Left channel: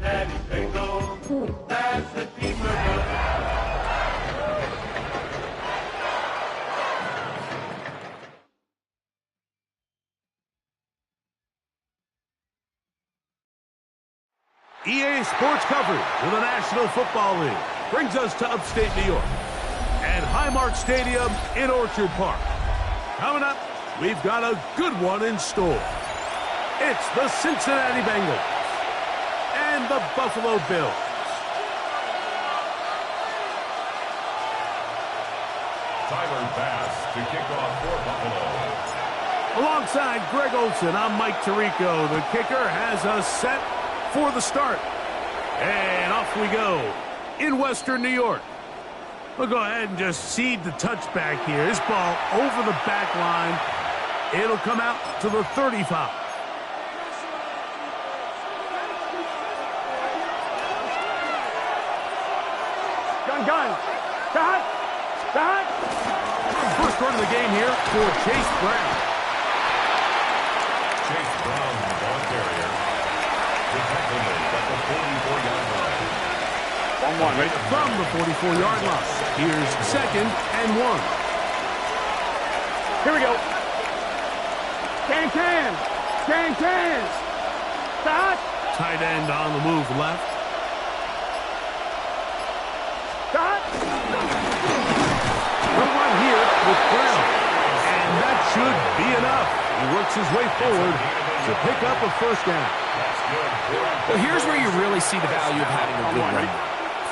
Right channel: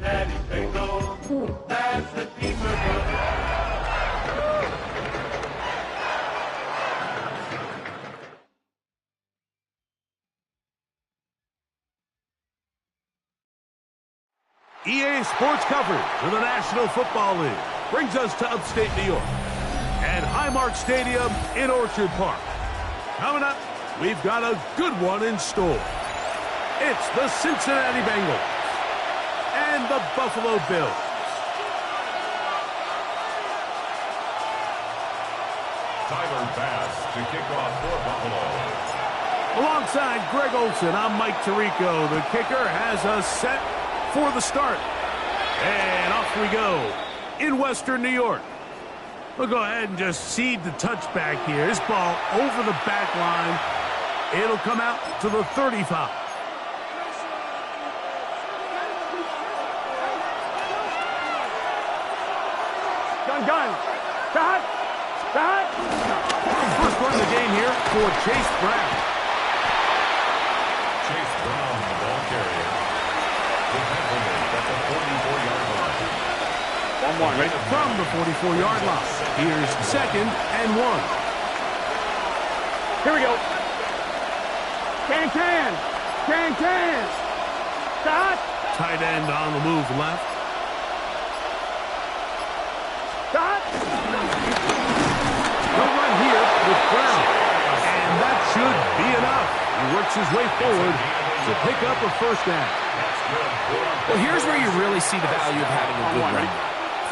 Daddy Bengal, that's the team we're running. EA Sports coverage of the National Football League brings us to upstate New York at Highmark Stadium in Orchard Park. Coming up, we've got a good one in store. It's the Cincinnati Bengals and the Buffalo Bills. Tyler Bass to kick off for Buffalo. Alongside Greg Olson, I'm Mike Tirico. The kicker has us set for the start. And off we go in Western New York. We'll go ahead and just seed the touchback here. This ball over the back line. It'll come out to the 35. Gun. Cut. First run of the game here for Chase Brown. Chase Brown, the ball carrier. Defensively at the 44-yard line. 1-1. Right from the 44-yard line. Here's 2nd and 1. Here we go. Can. Cut. Tight end on the move left. Cut. No run here with Brown. And that should be enough. He works his way forward to pick up a first down. Well, here's where you really see the value of having a good run.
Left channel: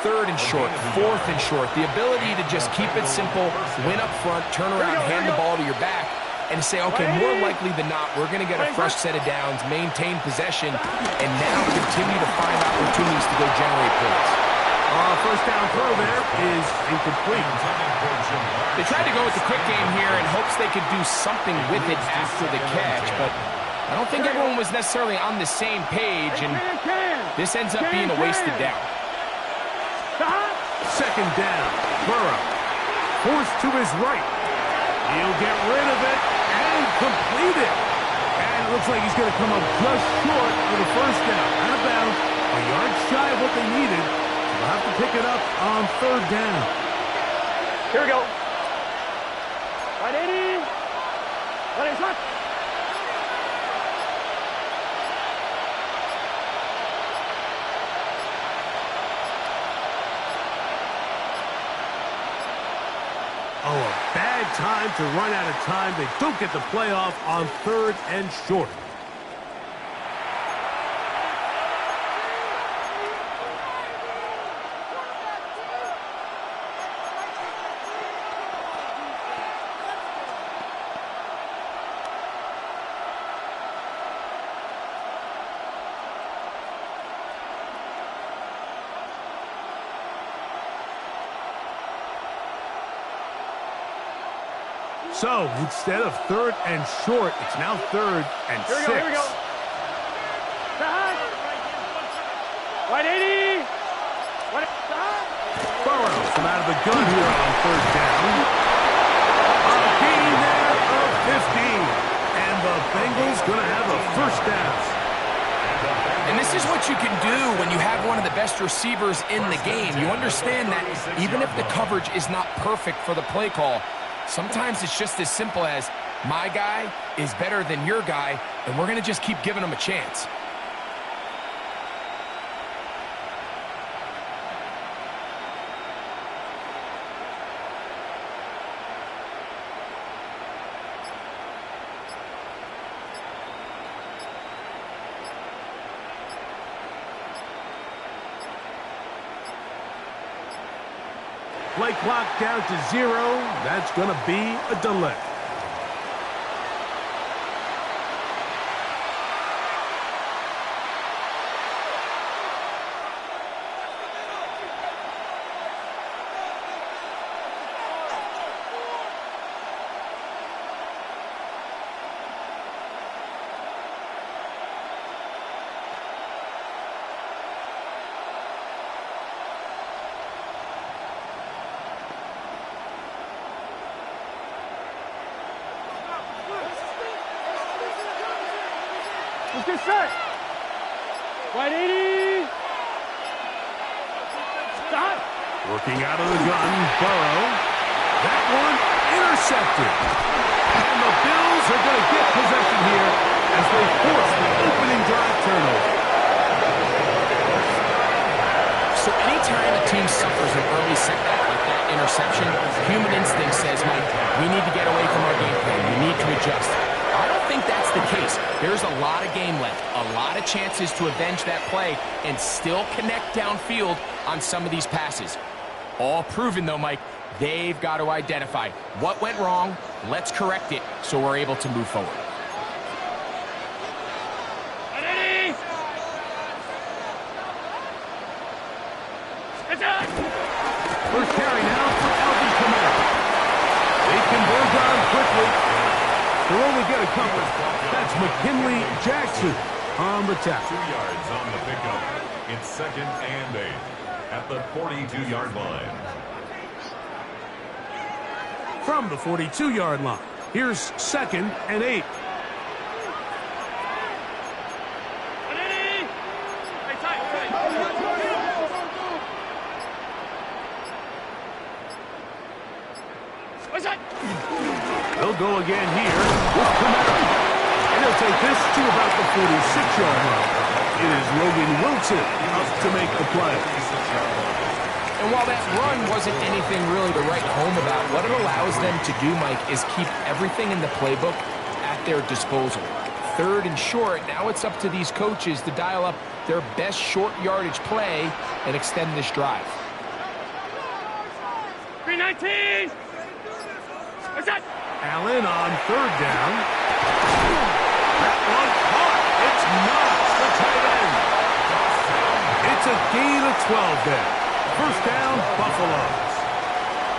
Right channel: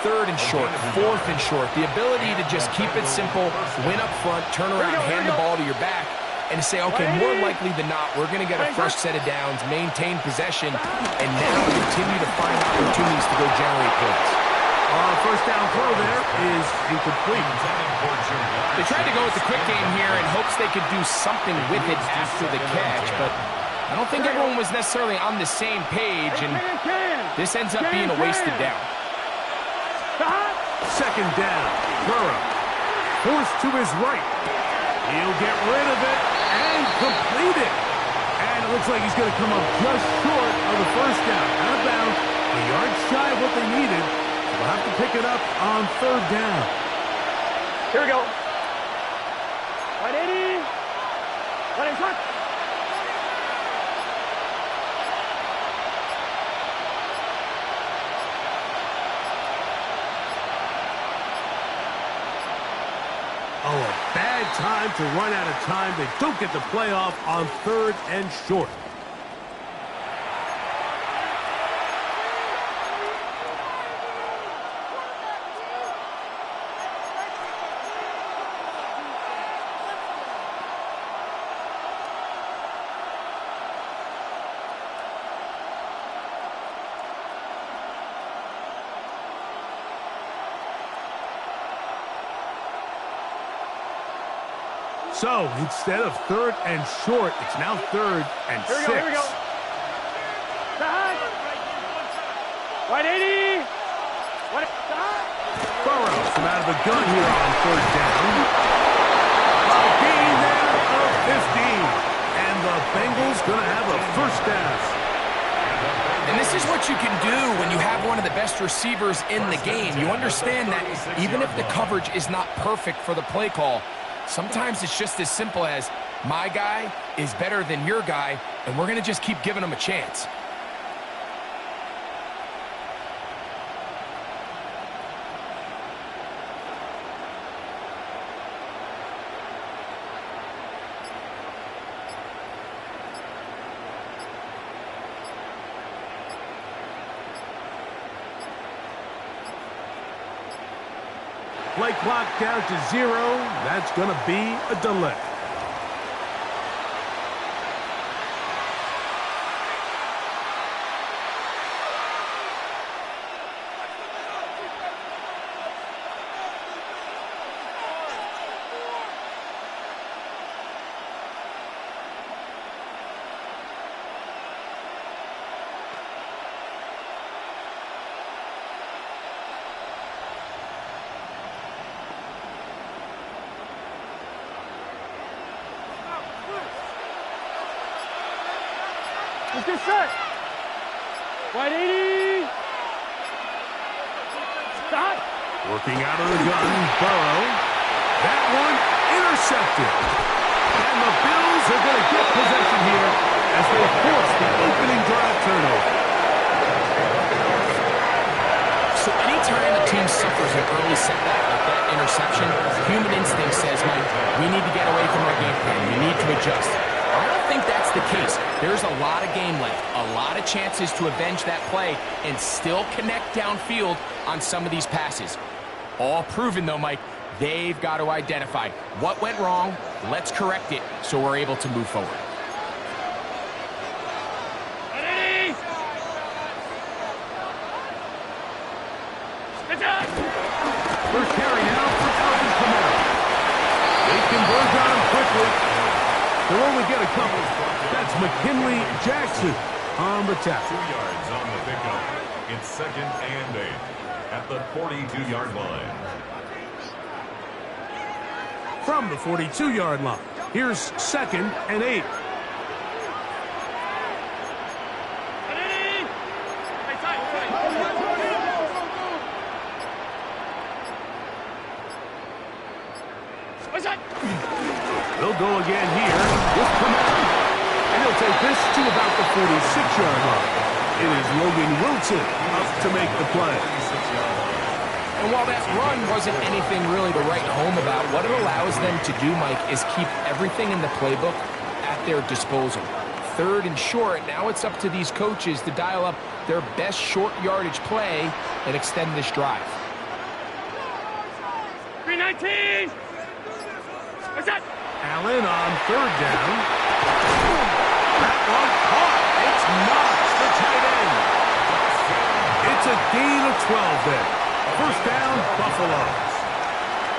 3rd and short, 4th and short. The ability to just keep it simple, win up front, turn around, hand the ball to your back, and say, okay, more likely than not, we're going to get a fresh set of downs, maintain possession, and now continue to find opportunities to go generate points. First down throw there is incomplete. They tried to go with the quick game here in hopes they could do something with it after the catch, but I don't think everyone was necessarily on the same page, and this ends up being a wasted down. 2nd down. Burrow forced to his right. He'll get rid of it and complete it. And it looks like he's going to come up just short of the first down. Out of bounds, a yard shy of what they needed. So they'll have to pick it up on 3rd down. Here we go. 180. 180 shot. Oh, a bad time to run out of time. They don't get the playoff on 3rd and short. So, instead of 3rd and short, it's now 3rd and 6. Here we go. 180. Burrow from out of the gun here on 3rd down. A gain there of 15. And the Bengals going to have a first down. And this is what you can do when you have one of the best receivers in the game. You understand that even if the coverage is not perfect for the play call, sometimes it's just as simple as my guy is better than your guy, and we're going to just keep giving him a chance. Play clock down to 0. That's going to be a delay. get set. 180. Stop. Working out of the gun, Burrow. That one intercepted. And the Bills are going to get possession here as they force the opening drive turnover. So anytime a team suffers an early setback like that interception, human instinct says, Mike, we need to get away from our game plan. We need to adjust. I don't think that's the case. There's a lot of game left, a lot of chances to avenge that play and still connect downfield on some of these passes. All proven, though, Mike, they've got to identify what went wrong, let's correct it so we're able to move forward. First carry now for Alvin Kamara. They convert on him quickly. They'll only get a couple. That's McKinley Jackson on the tackle. 2 yards on the pickup. It's 2nd and 8 at the 42-yard line. From the 42-yard line, here's 2nd and 8. They'll go again here with Kamara. And he'll take this to about the 46-yard line. It is Logan Wilson up to make the play. And while that run wasn't anything really to write home about, what it allows them to do, Mike, is keep everything in the playbook at their disposal. 3rd and short, now it's up to these coaches to dial up their best short yardage play and extend this drive. 319. What's that? Allen on 3rd down. That one caught. It's Knox, the tight end. It's a gain of 12 there. First down, Buffaloes.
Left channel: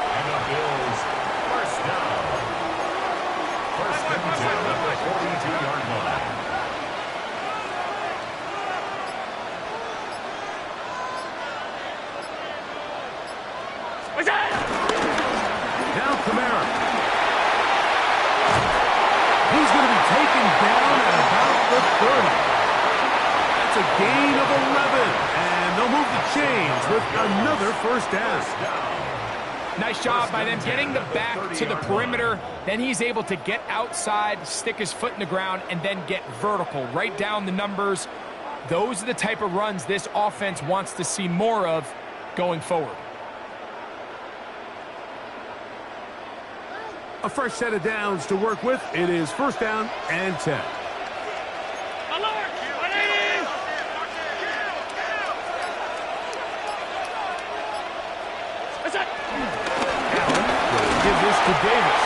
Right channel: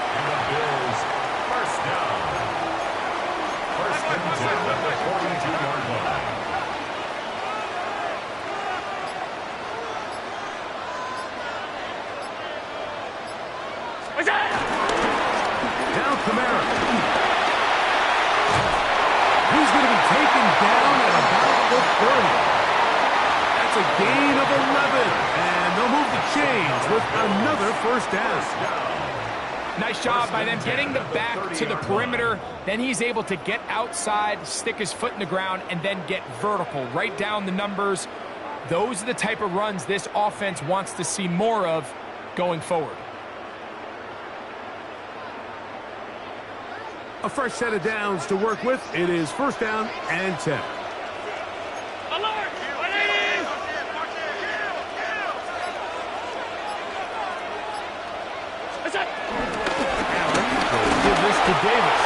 And the Bills, first down. First and 10 at the 42-yard line. What's that? Now Kamara. He's going to be taken down at about the 30. That's a gain of 11. And they'll move the chains with another first down. Nice job by them getting the back to the perimeter. Then he's able to get outside, stick his foot in the ground, and then get vertical. Right down the numbers. Those are the type of runs this offense wants to see more of going forward. A fresh set of downs to work with. It is first down and 10. Alert! 180. What's that? Allen will give this to Davis.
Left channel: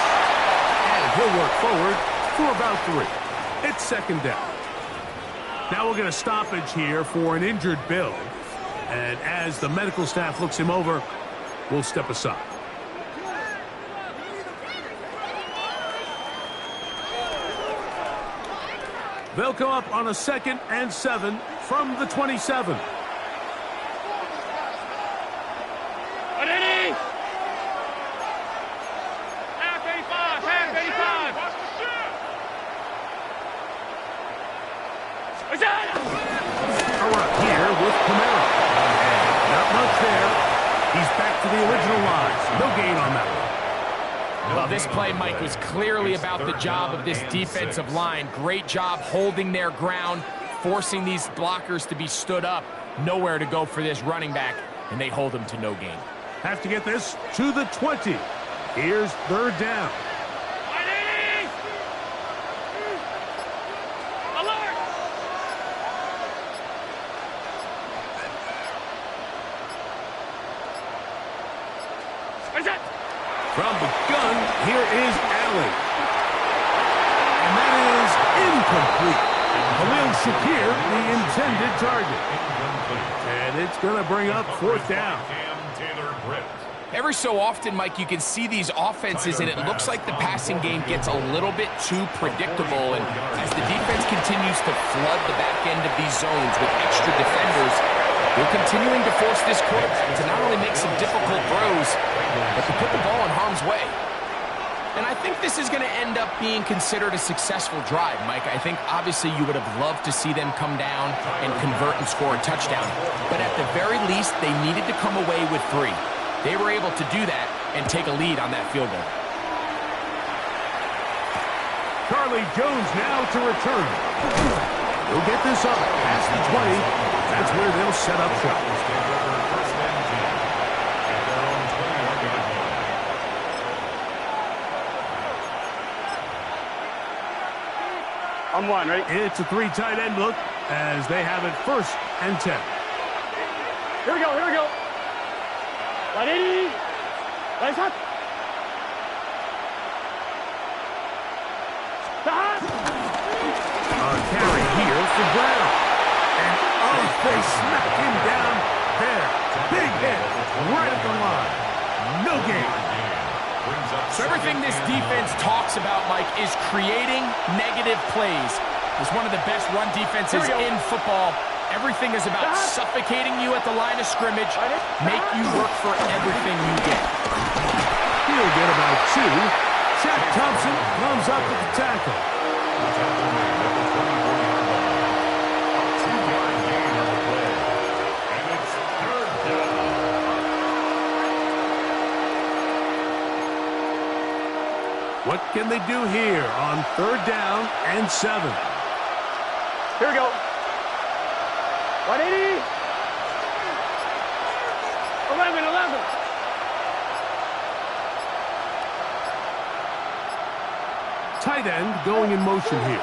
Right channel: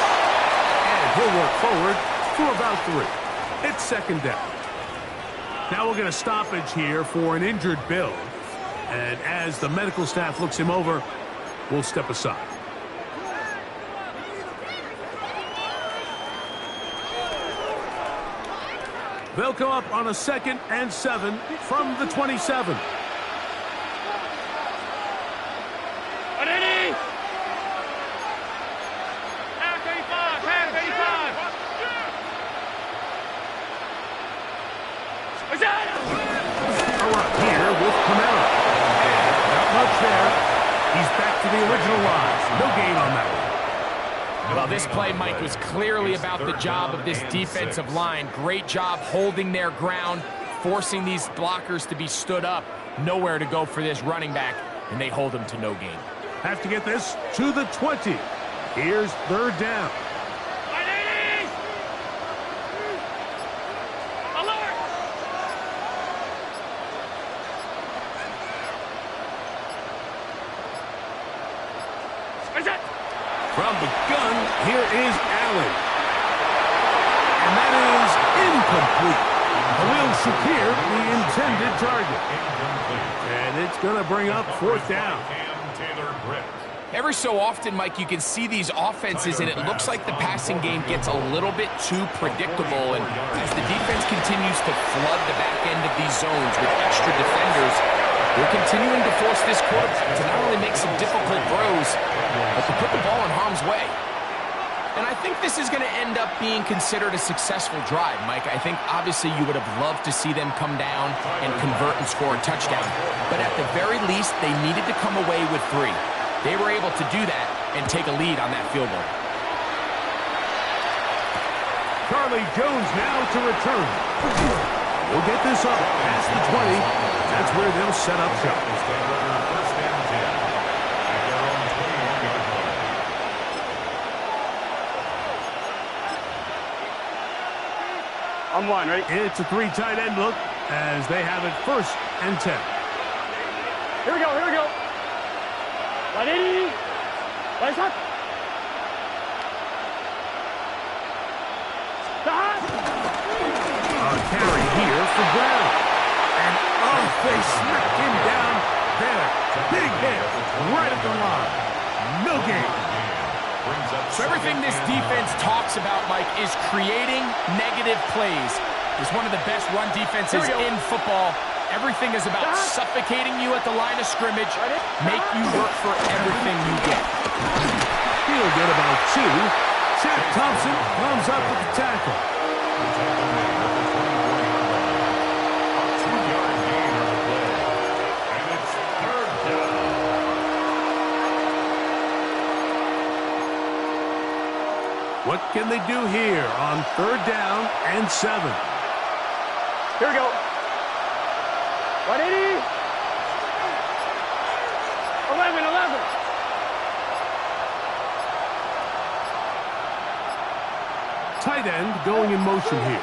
And he'll work forward for about 3. It's 2nd down. Now we'll get a stoppage here for an injured Bill. And as the medical staff looks him over, we'll step aside. They'll come up on a 2nd and 7 from the 27. 180. Half 85. Half 85. What's that? Around here with Kamara. And not much there. He's back to the original line. No gain on that one. Well, this play, Mike, was clearly about the job of this defensive line. Great job holding their ground, forcing these blockers to be stood up. Nowhere to go for this running back, and they hold him to no gain. Have to get this to the 20. Here's 3rd down. 180. Alert! What's that? From the gun, here is Allen. And that is incomplete. Khalil Shakir, the intended target. And it's going to bring up 4th down. Every so often, Mike, you can see these offenses, and it looks like the passing game gets a little bit too predictable. And as the defense continues to flood the back end of these zones with extra defenders, they're continuing to force this quarterback to not only make some difficult throws, but to put the ball in harm's way. And I think this is going to end up being considered a successful drive, Mike. I think obviously you would have loved to see them come down and convert and score a touchdown. But at the very least, they needed to come away with 3. They were able to do that and take a lead on that field goal. Charlie Jones now to return. He'll get this up past the 20. That's where they'll set up shop. First and 10 at their own 21-yard line. I'm one, ready? It's a 3 tight end look as they have it first and 10. Here we go, here we go. 180. Right up. Stop. A carry here for Brown. And oh, they smack him down there. Big hit right at the line. No gain. So everything this defense talks about, Mike, is creating negative plays. It's one of the best run defenses in football. Everything is about suffocating you at the line of scrimmage, make you work for everything you get. He'll get about 2. Shaq Thompson comes up with the tackle. What can they do here on 3rd down and 7? Here we go. 180. 11. Tight end going in motion here.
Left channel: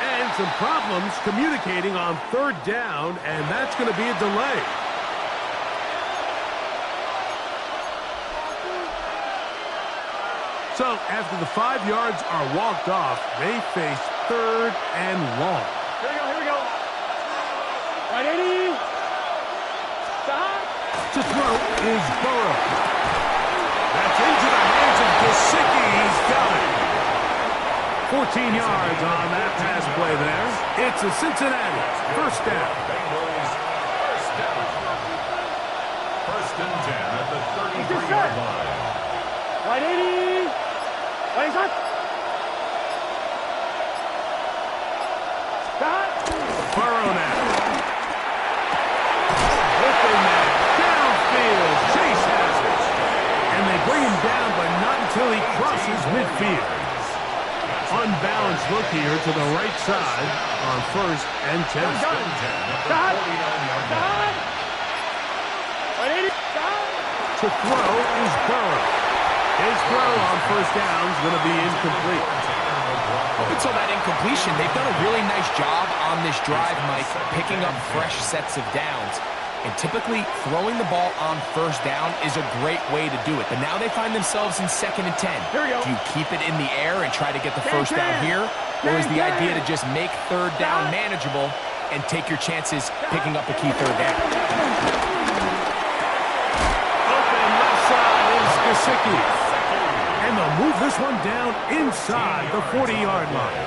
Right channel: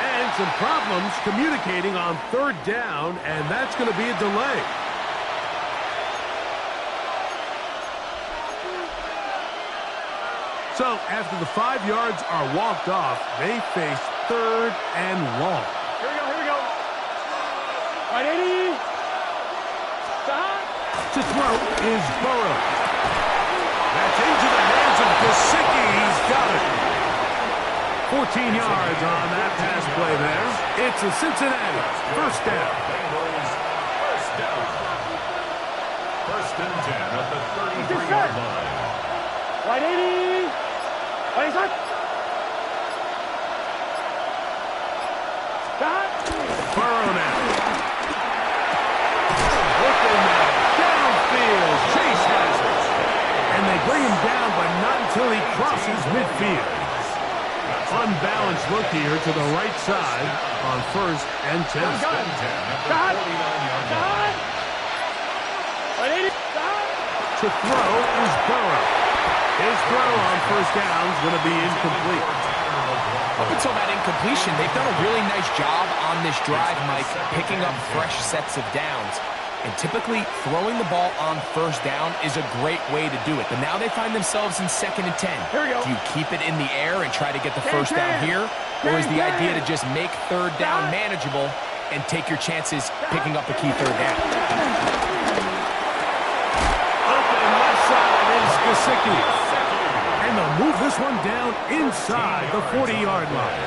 And some problems communicating on 3rd down, and that's going to be a delay. So after the 5 yards are walked off, they face 3rd and long. Here we go. 180. Stop. To throw is Burrow. That's into the hands of Gesicki. He's got it. 14 yards on that pass play there. It's a Cincinnati first down. Bengals first down. 1st and 10 at the 33-yard line. 180. 180. Stop. Burrow now. Open man. Downfield. Chase has it. And they bring him down, but not until he crosses midfield. Unbalanced look here to the right side on 1st and 10. Stop. 180. Stop. To throw is Burrow. His throw on 1st down is going to be incomplete. Up until that incompletion, they've done a really nice job on this drive, Mike, picking up fresh sets of downs. And typically, throwing the ball on 1st down is a great way to do it. But now they find themselves in 2nd and 10. Here we go. Do you keep it in the air and try to get the 1st down here? Or is the idea to just make 3rd down manageable and take your chances picking up a key 3rd down? Open left side is Gesicki. And they'll move this one down inside the 40-yard line.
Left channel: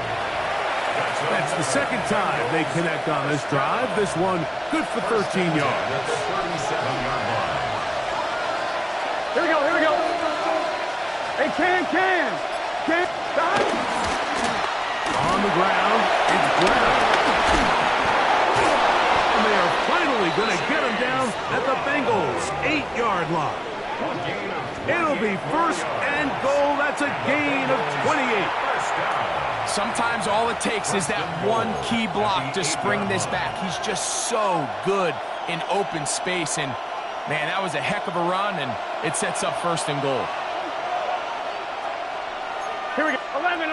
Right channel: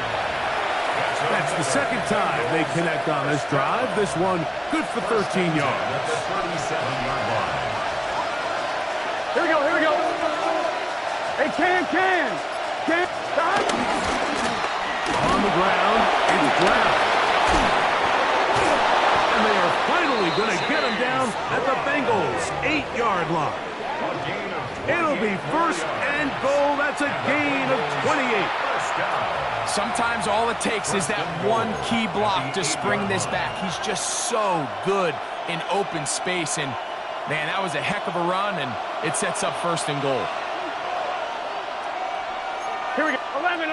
That's the 2nd time they connect on this drive. This one good for 13 yards. At the 37-yard line. Here we go. Hey, can. Stop. On the ground, it's Brown. And they are finally going to get him down at the Bengals' 8-yard line. It'll be 1st and goal. That's a gain of 28. Sometimes all it takes is that one key block to spring this back. He's just so good in open space. And, man, that was a heck of a run, and it sets up 1st and goal. Here we go. 11.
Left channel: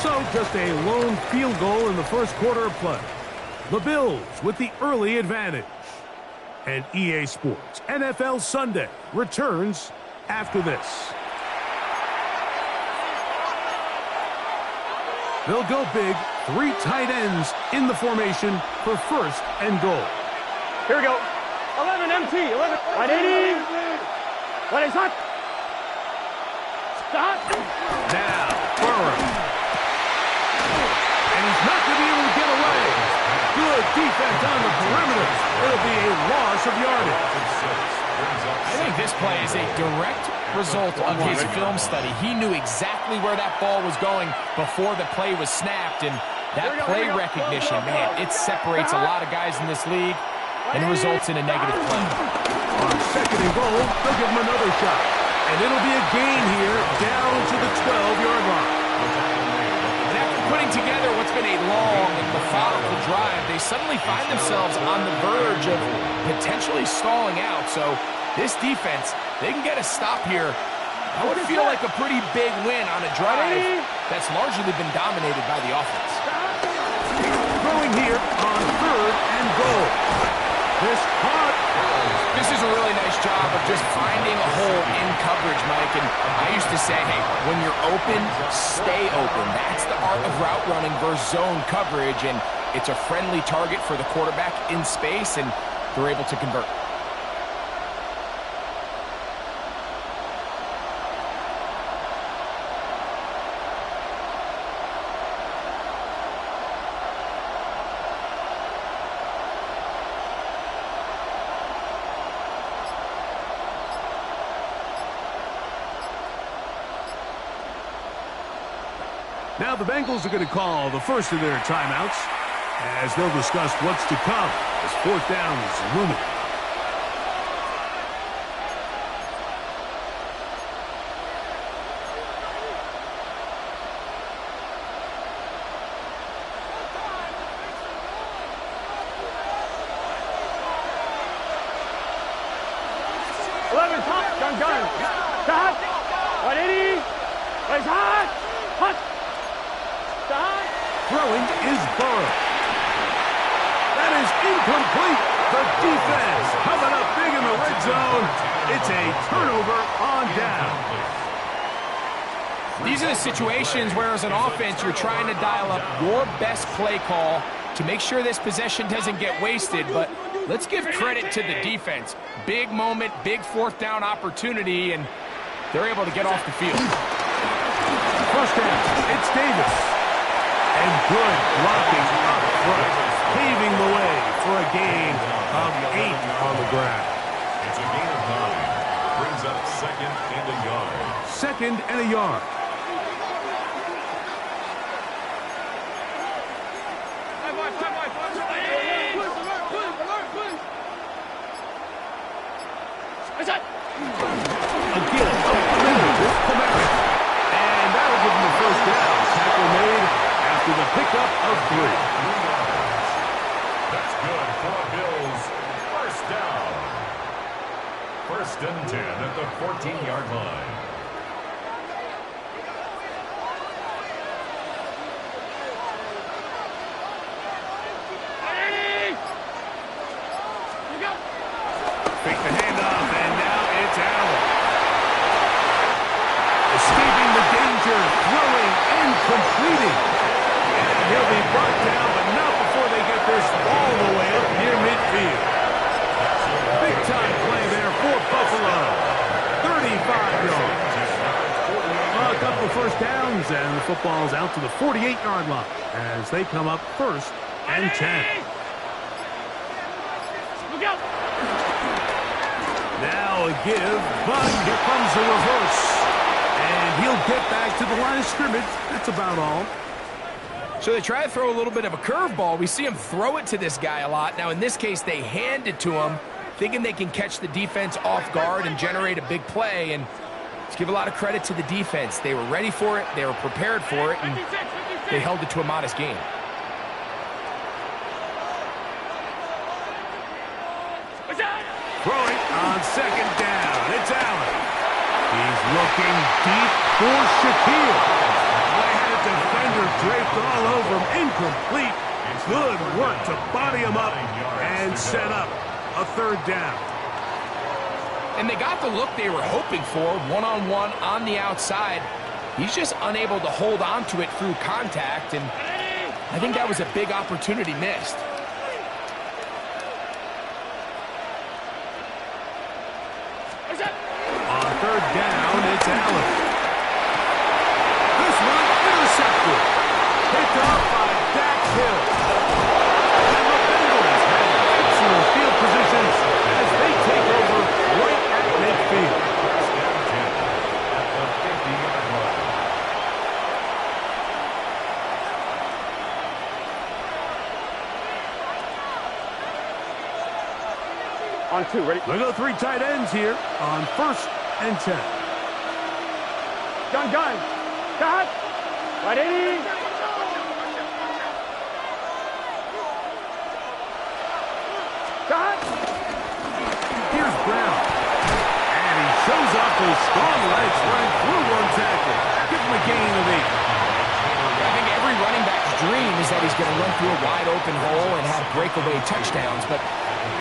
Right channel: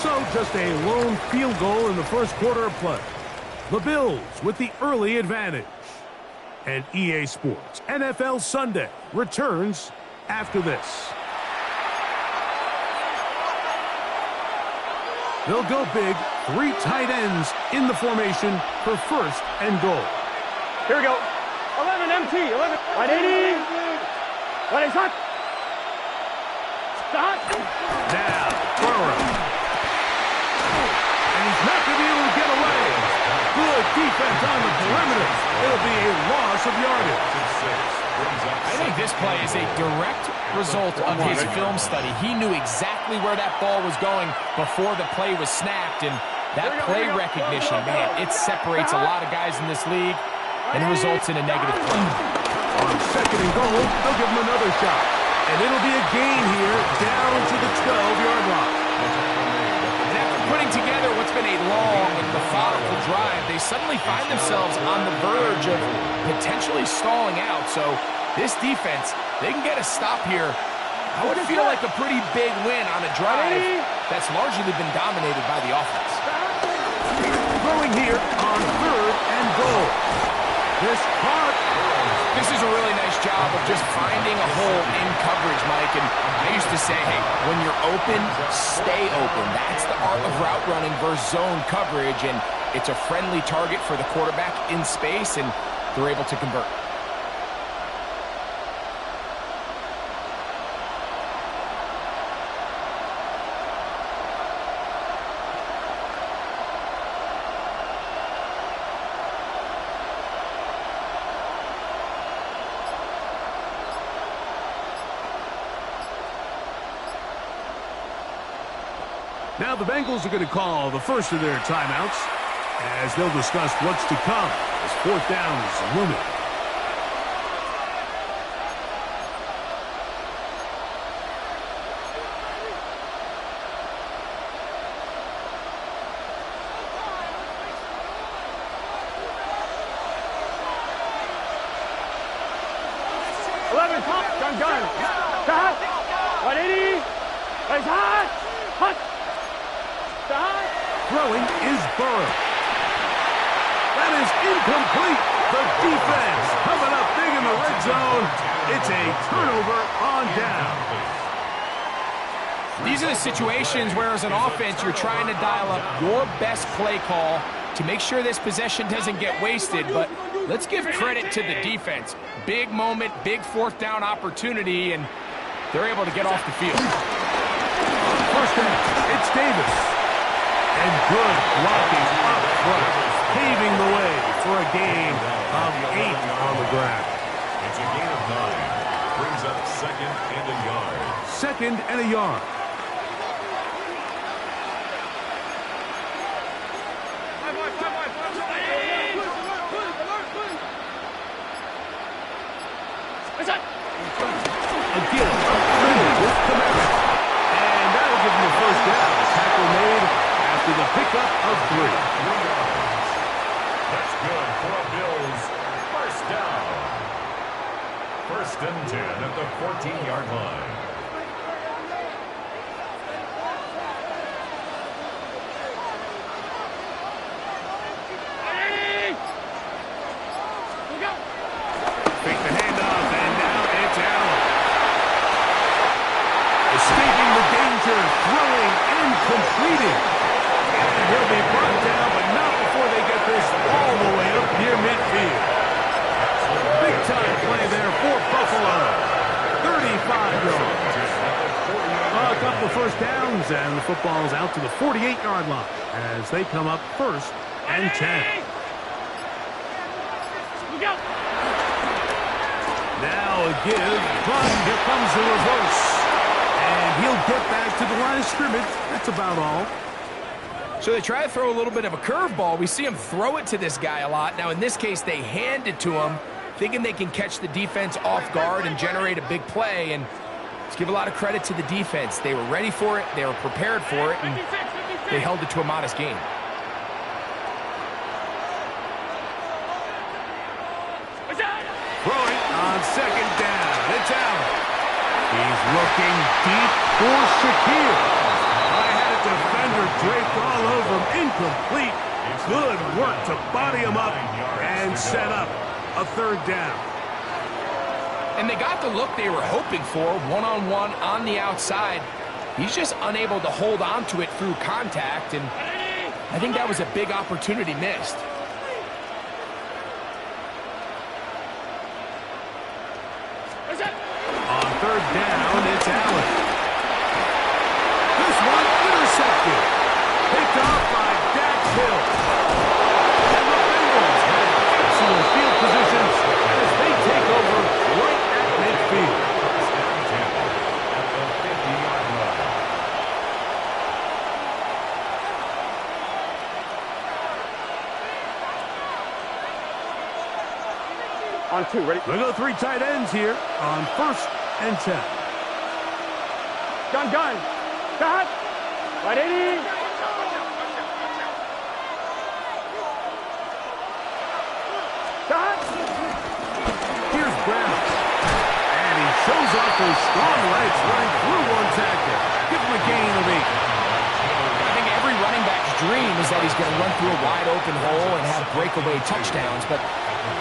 So just a lone field goal in the 1st quarter of play. The Bills with the early advantage. And EA Sports NFL Sunday returns after this. They'll go big, 3 tight ends in the formation for 1st and goal. Here we go. 11 MT. 11. 180. 180. Stop. Now, Burrow. And he's not going to be able to get away. Good defense on the perimeter. It'll be a loss of yardage. I think this play is a direct result of his film study. He knew exactly where that ball was going before the play was snapped, and that play recognition, man, it separates a lot of guys in this league and results in a negative play. On second and goal, they'll give him another shot. And it'll be a gain here down to the 12-yard line. And after putting together what's been a long and methodical drive, they suddenly find themselves on the verge of potentially stalling out. So this defense, they can get a stop here. I would feel like a pretty big win on a drive that's largely been dominated by the offense. Throwing here on third and goal. This is a really nice job of just finding a hole in coverage, Mike. And I used to say, hey, when you're open, stay open. That's the art of route running versus zone coverage. And it's a friendly target for the quarterback in space, and they're able to convert. Now the Bengals are going to call the first of their timeouts as they'll discuss what's to come as fourth down is looming. Gun. Stop. 180. Raise hot. Hot. Stop. Throwing is Burrow. That is incomplete. The defense coming up big in the red zone. It's a turnover on down. These are the situations where, as an offense, you're trying to dial up your best play call to make sure this possession doesn't get wasted. But let's give credit to the defense. Big moment, big fourth down opportunity, and they're able to get off the field. First down, it's Davis. And good blocking up front, paving the way for a gain of 8 on the ground. It's a gain of 9. Brings up second and a yard. Second and a yard. Again, with Kamara. And that'll give him the first down. Tackle made after the pickup of 3. 3 yards. That's good for a Bills first down. First and 10 at the 14-yard line. Fake the handoff, and now it's Allen. Escaping the danger, throwing and completing. And he'll be brought down, but not before they get this all the way up near midfield. Big-time play there for Buffalo. 35 yards. A couple of first downs, and the football's out to the 48-yard line as they come up first and 10. Look out. Now a give, but here comes the reverse. And he'll get back to the line of scrimmage. That's about all. So they try to throw a little bit of a curveball. We see him throw it to this guy a lot. Now, in this case, they hand it to him, thinking they can catch the defense off guard and generate a big play. And let's give a lot of credit to the defense. They were ready for it. They were prepared for it. And they held it to a modest gain. Throwing on second down. It's Allen. He's looking deep for Shaquille. I had a defender draped all over him. Incomplete. Good work to body him up and set up a third down. And they got the look they were hoping for, one-on-one on the outside. He's just unable to hold on to it through contact, and I think that was a big opportunity missed. On third down, it's Allen. This one intercepted. Picked off by Dax Hill. And the Bengals On 2, ready? They go 3 tight ends here on 1st and 10. Gun. Cut. Right 80. Cut. Here's Brown. And he shows off those strong legs running through 1 tackle. Give him a gain of 8. I think every running back's dream is that he's going to run through a wide open hole and have breakaway touchdowns, but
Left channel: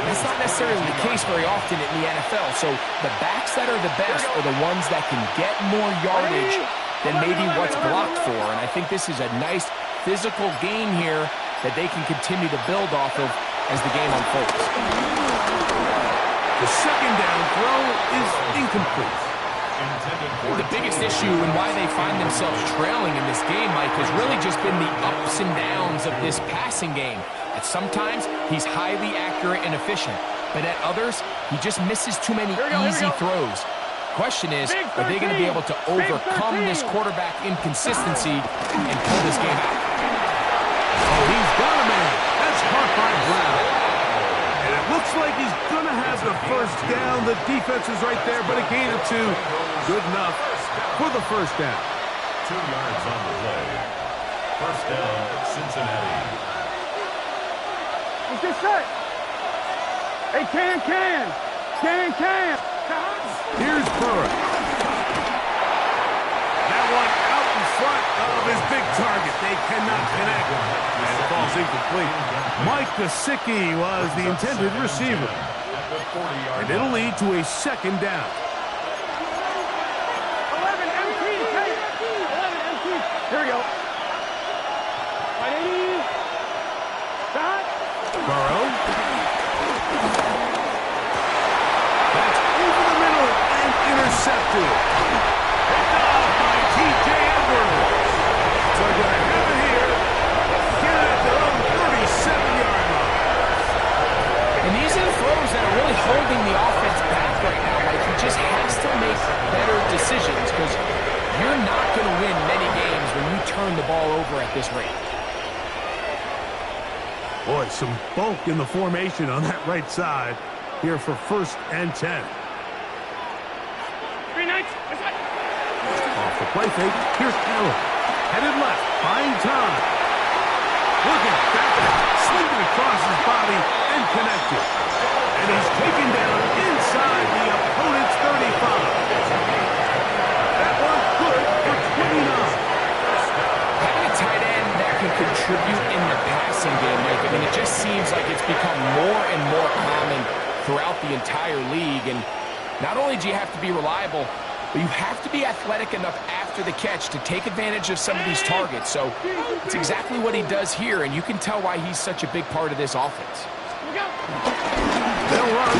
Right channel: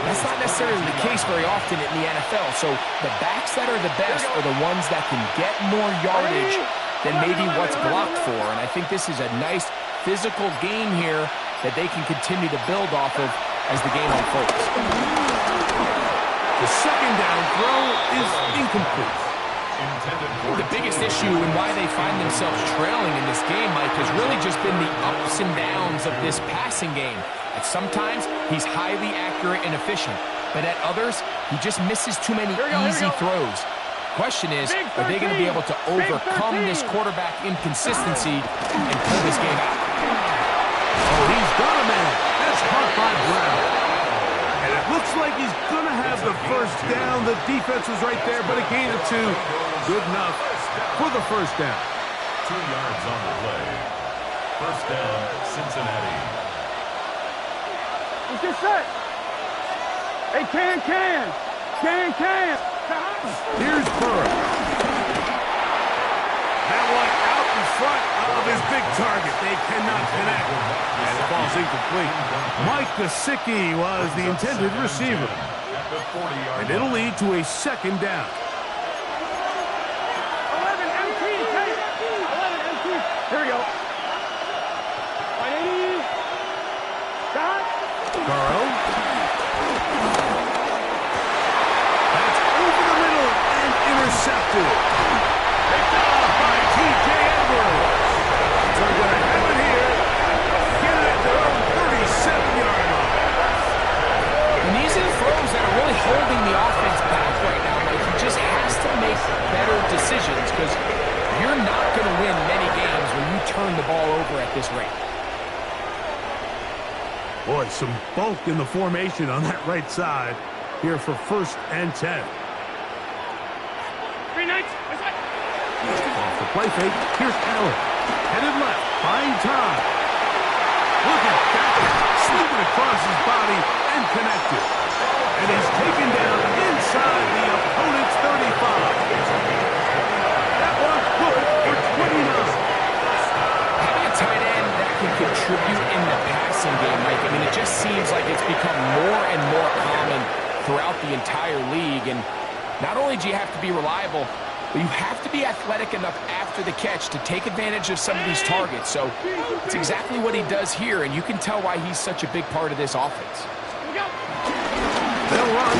that's not necessarily the case very often in the NFL. So the backs that are the best are the ones that can get more yardage than maybe what's blocked for. And I think this is a nice physical game here that they can continue to build off of as the game unfolds. The 2nd down throw is incomplete. The biggest issue and why they find themselves trailing in this game, Mike, has really just been the ups and downs of this passing game. At sometimes, he's highly accurate and efficient, but at others, he just misses too many easy throws. Question is, are they going to be able to overcome this quarterback inconsistency and pull this game out? Oh, he's got a man. That's caught by Brown. And it looks like he's going to have the 1st down. The defense was right there, but a gain of 2. Good enough for the 1st down. 2 yards on the play. 1st down, Cincinnati. Let's get set. Hey, can. Here's Burrow. That one out in front of his big target. They cannot connect. And it falls incomplete. Mike Gesicki was the intended receiver. And it'll lead to a 2nd down. 11 MT. 11 MT. Here we go. 180. Shot. Burrow. That's over the middle and intercepted. Picked off by T.J. Edwards. So they're going to have it here. Get it at their own 37-yard line. And these are the throws that are really holding the offense back right now. Like, he just has to make better decisions because you're not going to win many games when you turn the ball over at this rate. Boy, some bulk in the formation on that right side here for 1st and 10. 3 nights. Off the play fake, here's Allen. Headed left, buying time. Look at that, sweeping across his body and connected. And he's taken down inside the opponent's 35. That one good for 29. Having a tight end that can contribute in the passing game, Mike, I mean, it just seems like it's become more and more common throughout the entire league. And not only do you have to be reliable, but you have to be athletic enough after the catch to take advantage of some of these targets. So it's exactly what he does here, and you can tell why he's such a big part of this offense. They'll run.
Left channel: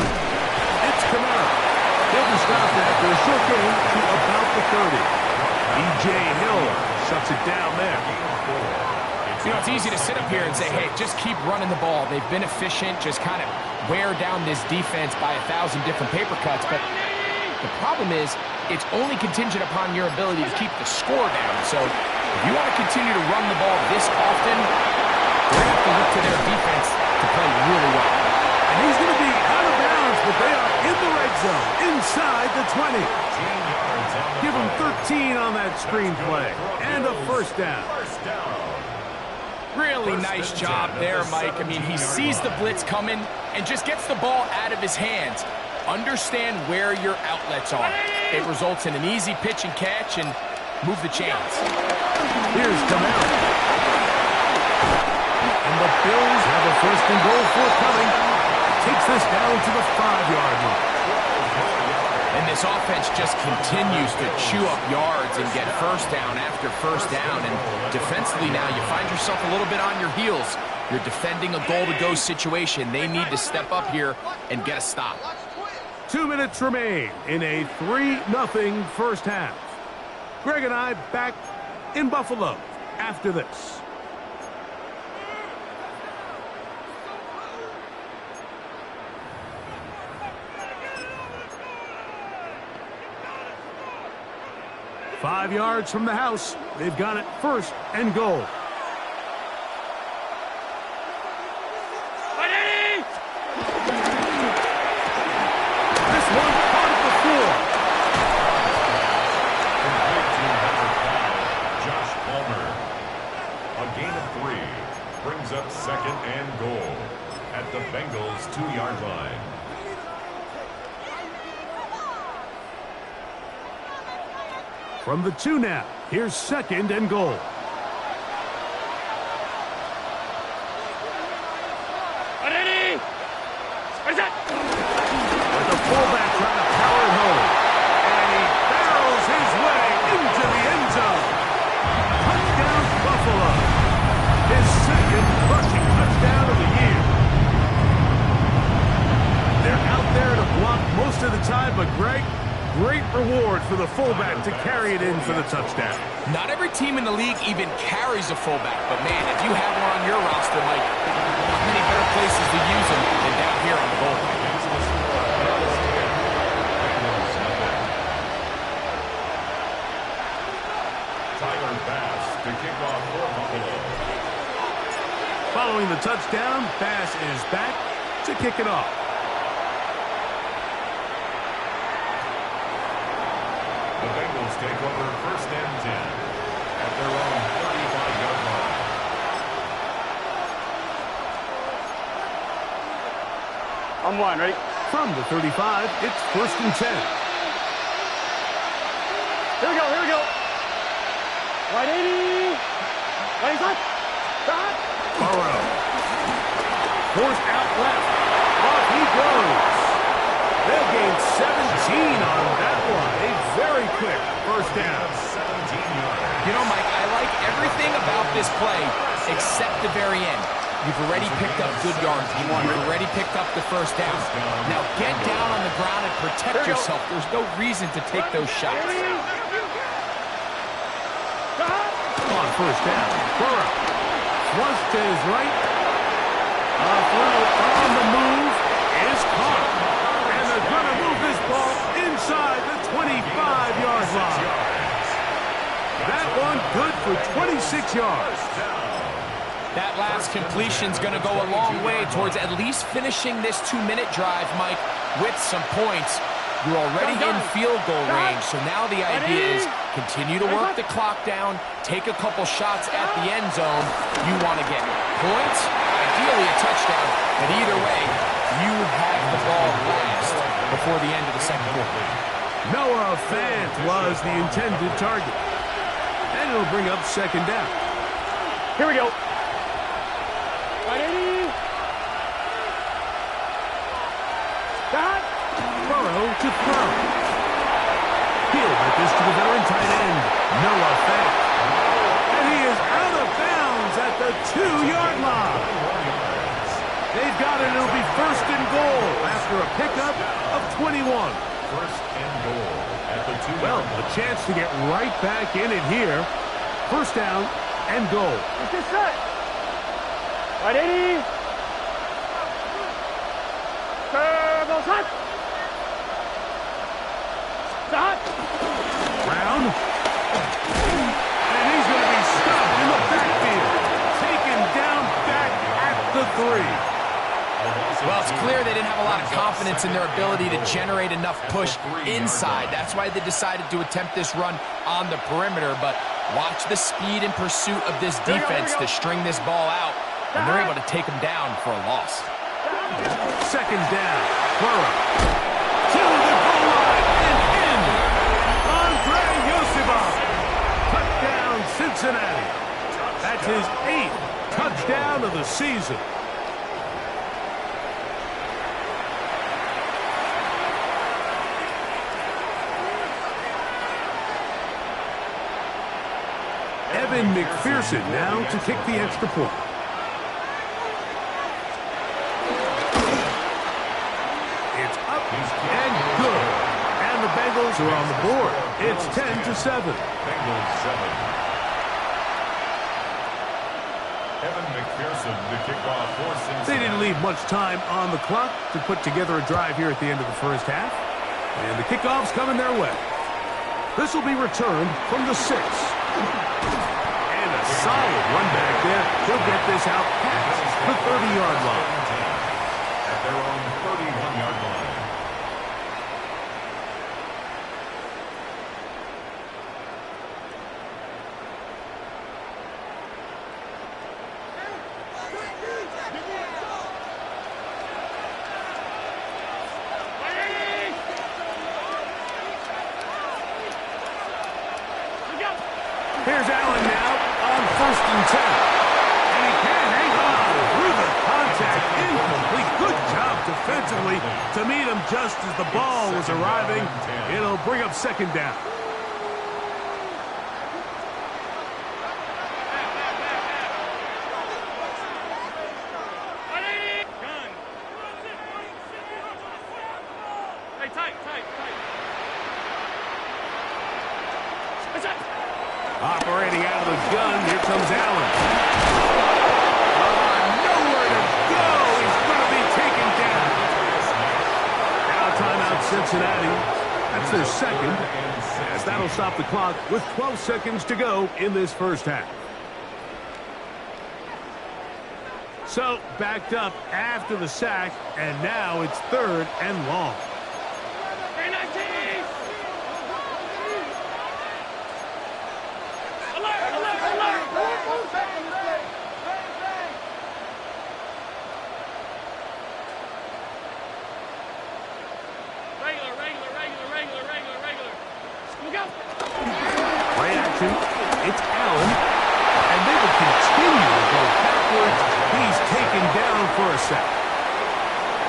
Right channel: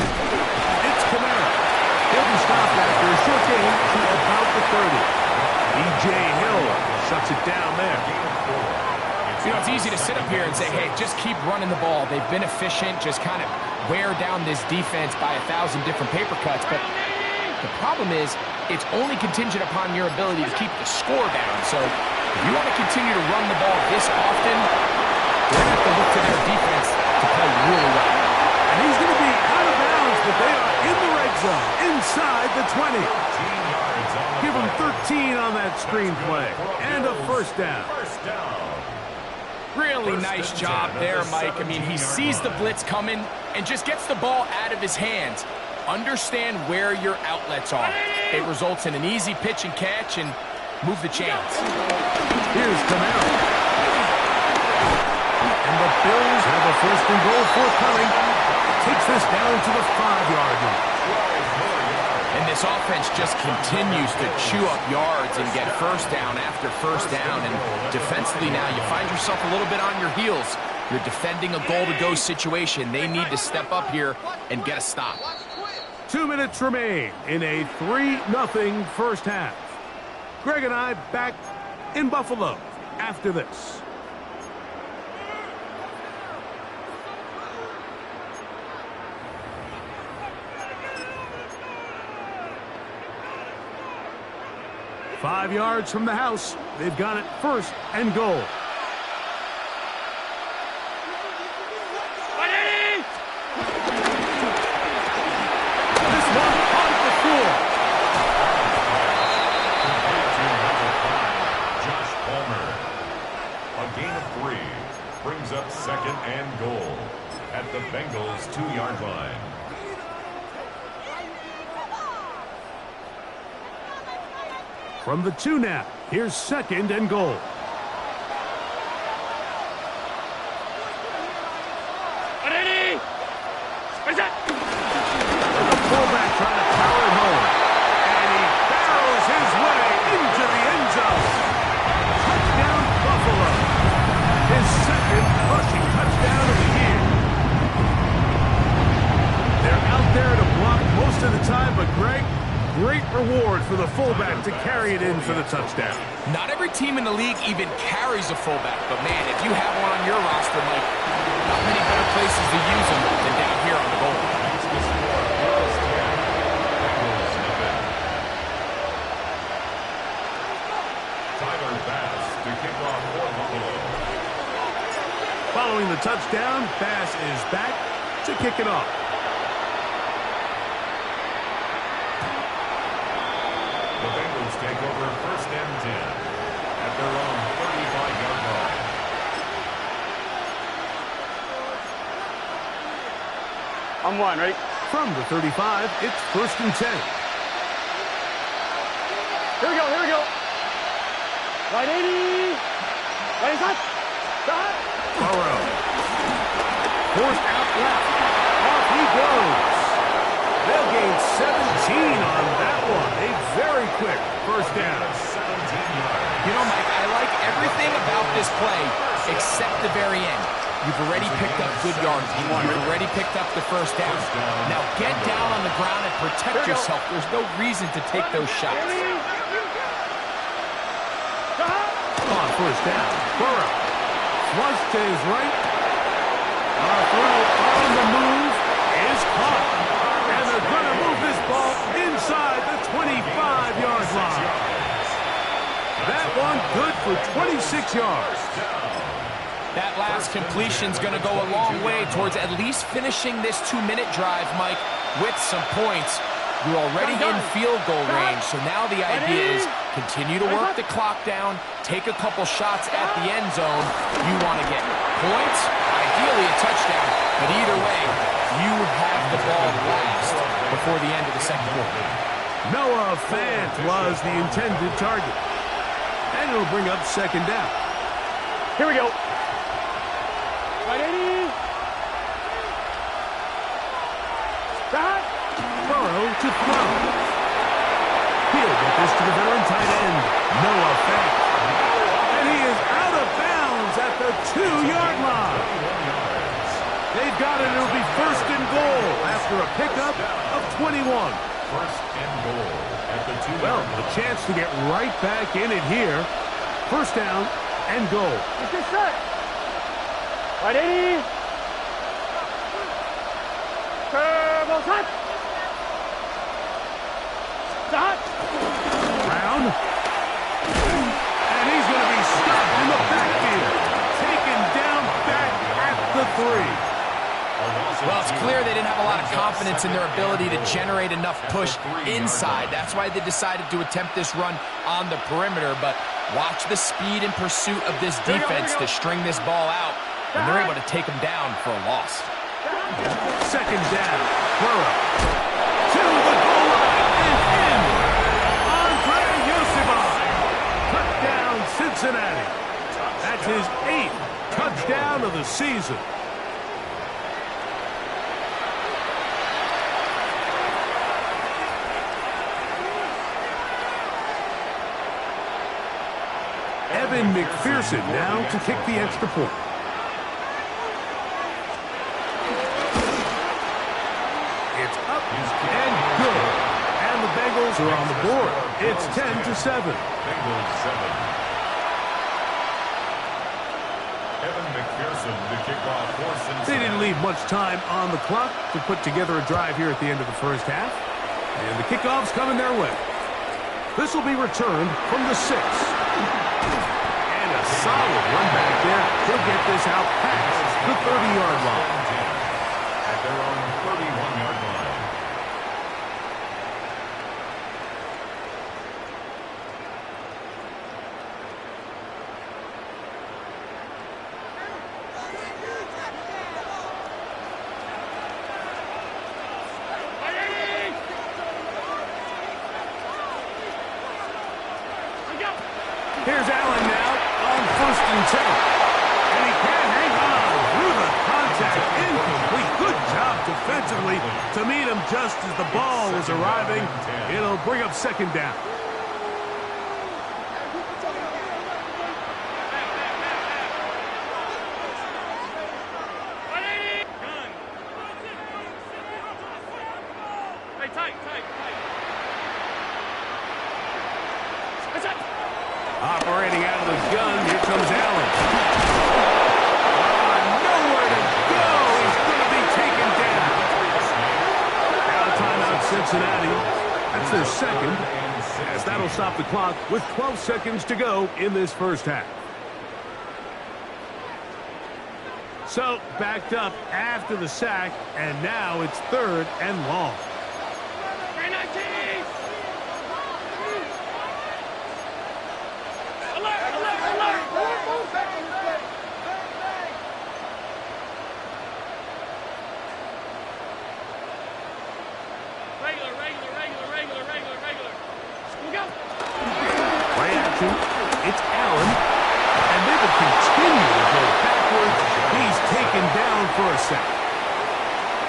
It's Kamara. He'll be stopped after a short gain to about the 30. B.J. Hill shuts it down there. You know, it's easy to sit up here and say, hey, just keep running the ball. They've been efficient, just kind of wear down this defense by 1,000 different paper cuts. But the problem is, it's only contingent upon your ability to keep the score down. So if you want to continue to run the ball this often, they're going to have to look to their defense to play really well. And he's going to be out of bounds, but they are in the red zone, inside the 20. Give him 13 on that screenplay, and a 1st down. Really nice job there, Mike. I mean, he sees the blitz coming and just gets the ball out of his hands. Understand where your outlets are. It results in an easy pitch and catch and move the chains. Here's Kamara. And the Bills have a 1st and goal forthcoming. Takes this down to the 5-yard line. And this offense just continues to chew up yards and get 1st down after 1st down. And defensively now, you find yourself a little bit on your heels. You're defending a goal-to-go situation. They need to step up here and get a stop. 2 minutes remain in a 3-0 first half. Greg and I back in Buffalo after this. Five yards from the house. They've got it 1st and goal. second and goal at the Bengals 2-yard line. From the 2 now, here's second and goal. With the fullback trying to power it home. And he barrels his way into the end zone. Touchdown, Buffalo. His second rushing touchdown of the year. They're out there to block most of the time, but Greg, great reward for the fullback to carry it in for the touchdown. Not every team in the league even carries a fullback, but man, if you have one on your roster, Mike, not many better places to use them than down here on the goal line. Tyler Bass to kick off for Buffalo. Following the touchdown, Bass is back to kick it off. The Bengals take over first and 10 at their own 35-yard line. I'm one, ready? From the 35, it's first and 10. Here we go, here we go. Right 80. Right side. Stop. Burrow. Forced out left. Off he goes. They'll gain 17 on that one. A very quick first down. 17 yards. You know, Mike, I like everything about this play except the very end. You've already picked up good yards. You've already picked up the first down. Now get down on the ground and protect yourself. There's no reason to take those shots. On first down, Burrow. Flush to his right. A throw on the move is caught. And they're going to move this ball inside the 25-yard line. That one good for 26 yards. That last completion's going to go a long way towards at least finishing this 2-minute drive, Mike, with some points. You're already in field goal range, so now the idea is continue to work the clock down, take a couple shots at the end zone. You want to get points, ideally a touchdown, but either way, you have the ball last before the end of the second quarter. Noah Fant was the intended target. And it'll bring up second down. Here we go. Right 80. Stop. Burrow to throw. He'll get this to the veteran tight end, Noah Fant. And he is out of bounds at the 2-yard line. 21 yards. They've got it. It'll be first and goal after a pickup of 21. First and goal at the 2-yard Well, line. a chance to get right back in it here. First down and goal. Let's get set. Right 80. Turbo shot. Stop. Brown. And he's going to be stopped in the backfield. Taken down back at the 3. Well, it's clear they didn't have a lot of confidence in their ability to generate enough push inside. That's why they decided to attempt this run on the perimeter. But watch the speed and pursuit of this defense to string this ball out, and they're able to take them down for a loss. Second down. Burrow. To the goal line and in. Andre Yosibov. Touchdown, Cincinnati. That's his 8th touchdown of the season. Evan McPherson now to kick the extra point. It's up and good. And the Bengals are on the board. It's 10-7. Bengals 7. Evan McPherson to kick off for Cincinnati. They didn't leave much time on the clock to put together a drive here at the end of the first half. And the kickoff's coming their way. This will be returned from the 6. And a solid run back there. He'll get this out past the 30-yard line. At their own 31-yard line. Here's Allen now on 1st and 10. And he can't hang on through the contact. Incomplete. Good job defensively to meet him just as the ball was arriving. It'll bring up 2nd down. Operating out of the gun, here comes Allen. Nowhere to go. He's going to be taken down. Now timeout Cincinnati. That's their 2nd, as that'll stop the clock with 12 seconds to go in this first half. So, backed up after the sack, and now it's 3rd and long. Play action. It's Allen. And they will continue to go backwards. He's taken down for a sack.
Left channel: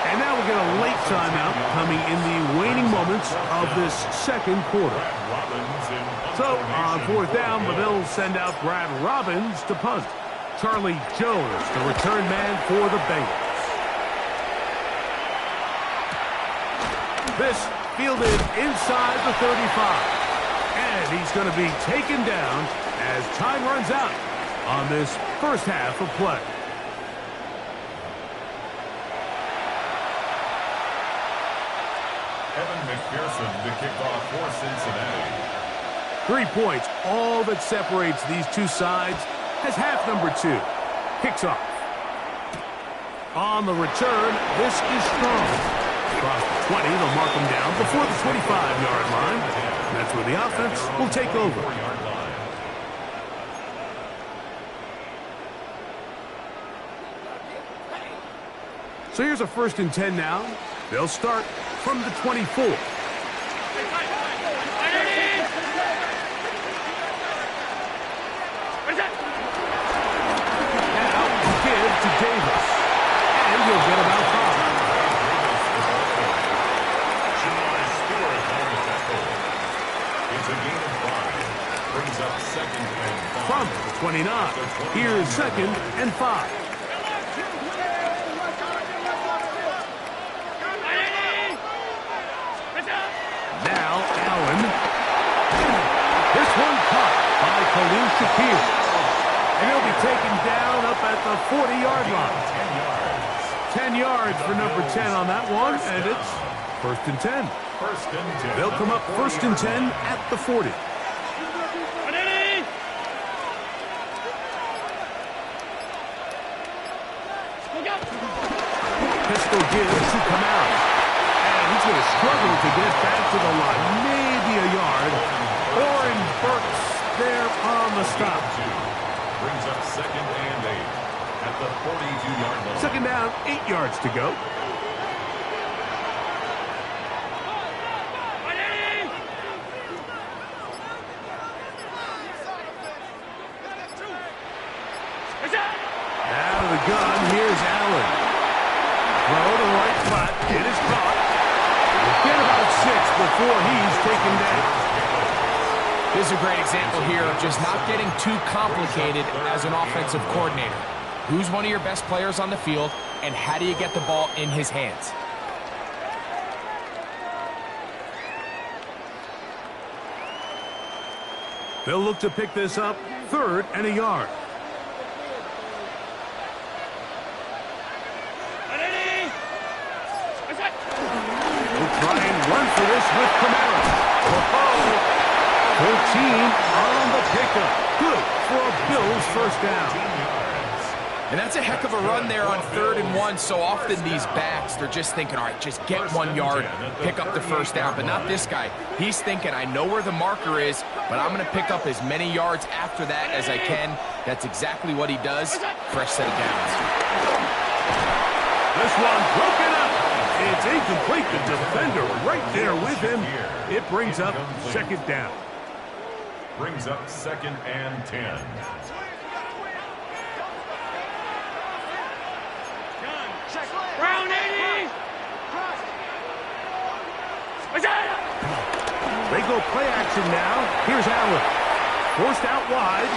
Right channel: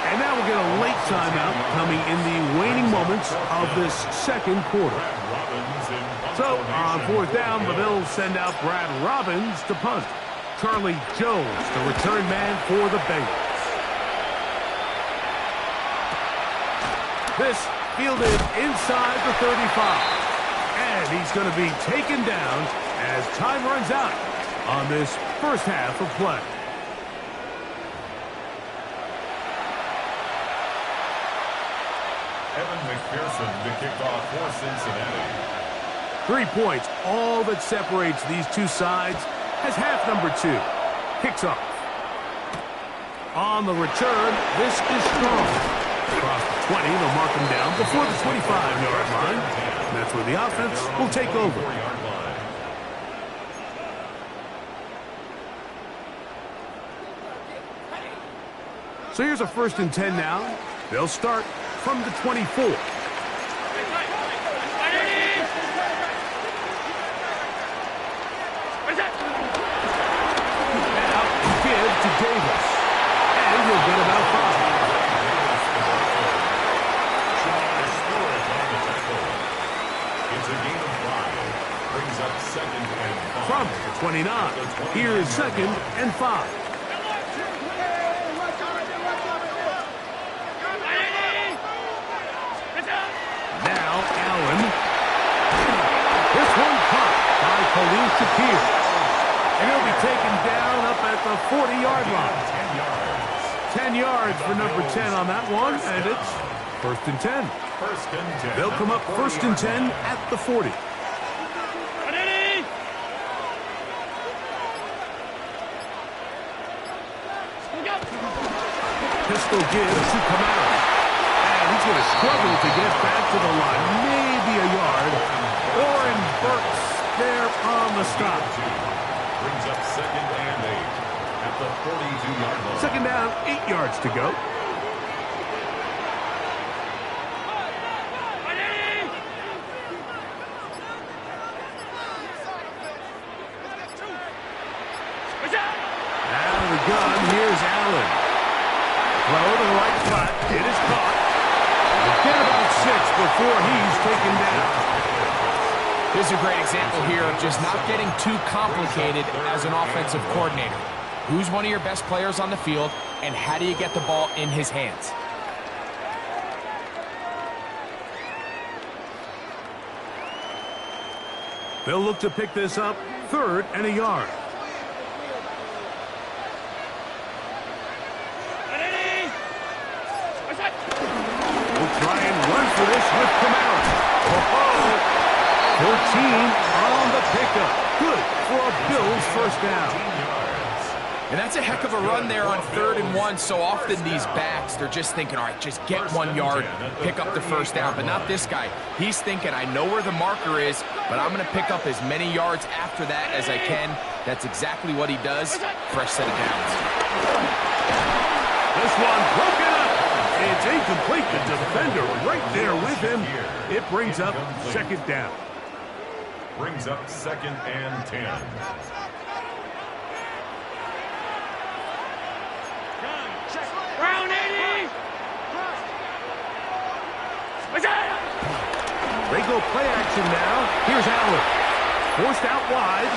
And now we'll get a late timeout coming in the waning moments of this 2nd quarter. So, on 4th down, the Bills send out Brad Robbins to punt. Charlie Jones, the return man for the Bengals. This fielded inside the 35. And he's going to be taken down as time runs out on this first half of play. Evan McPherson to kick off for Cincinnati. 3 points, all that separates these two sides, as half number 2 kicks off. On the return, this is strong. Across the 20, they'll mark him down before the 25-yard line. That's where the offense will take over. So here's a 1st and 10 now. They'll start from the 24. Now give to Davis. And he'll get about 5. It's a gain of 5. Brings up 2nd and 5. From the 29. Here's 2nd and 5. Now Allen. This one caught by Khalil Shakir. And he'll be taken down up at the 40-yard line. 10 yards for number 10 on that one, and it's 1st and 10. 1st and 10. They'll come up 1st and 10 at the 40. Pistol gives to Kamara. And he's going to struggle to get back to the line. Maybe a yard. Oren Burks there on the stop. Brings up 2nd and 8 at the 42-yard line. 2nd down, 8 yards to go. Out of the gun, here's Allen. Throw to the right spot. It is caught. We'll get about 6 before he's taken down. This is a great example here of just not getting too complicated as an offensive coordinator. Who's one of your best players on the field, and how do you get the ball in his hands? They'll look to pick this up 3rd and a yard. We'll try and run for this with Kamara. 14 on the pickup. Good for a Bills 1st down. And that's a heck of a run there on 3rd and 1. So often these backs, they're just thinking, all right, just get 1 yard, pick up the 1st down. But not this guy. He's thinking, I know where the marker is, but I'm going to pick up as many yards after that as I can. That's exactly what he does. Fresh set of downs. This one broken up. It's incomplete. The defender right there with him. It brings up 2nd down. Brings up 2nd and 10. Round 80. They go play action now. Here's Allen. Forced out wide.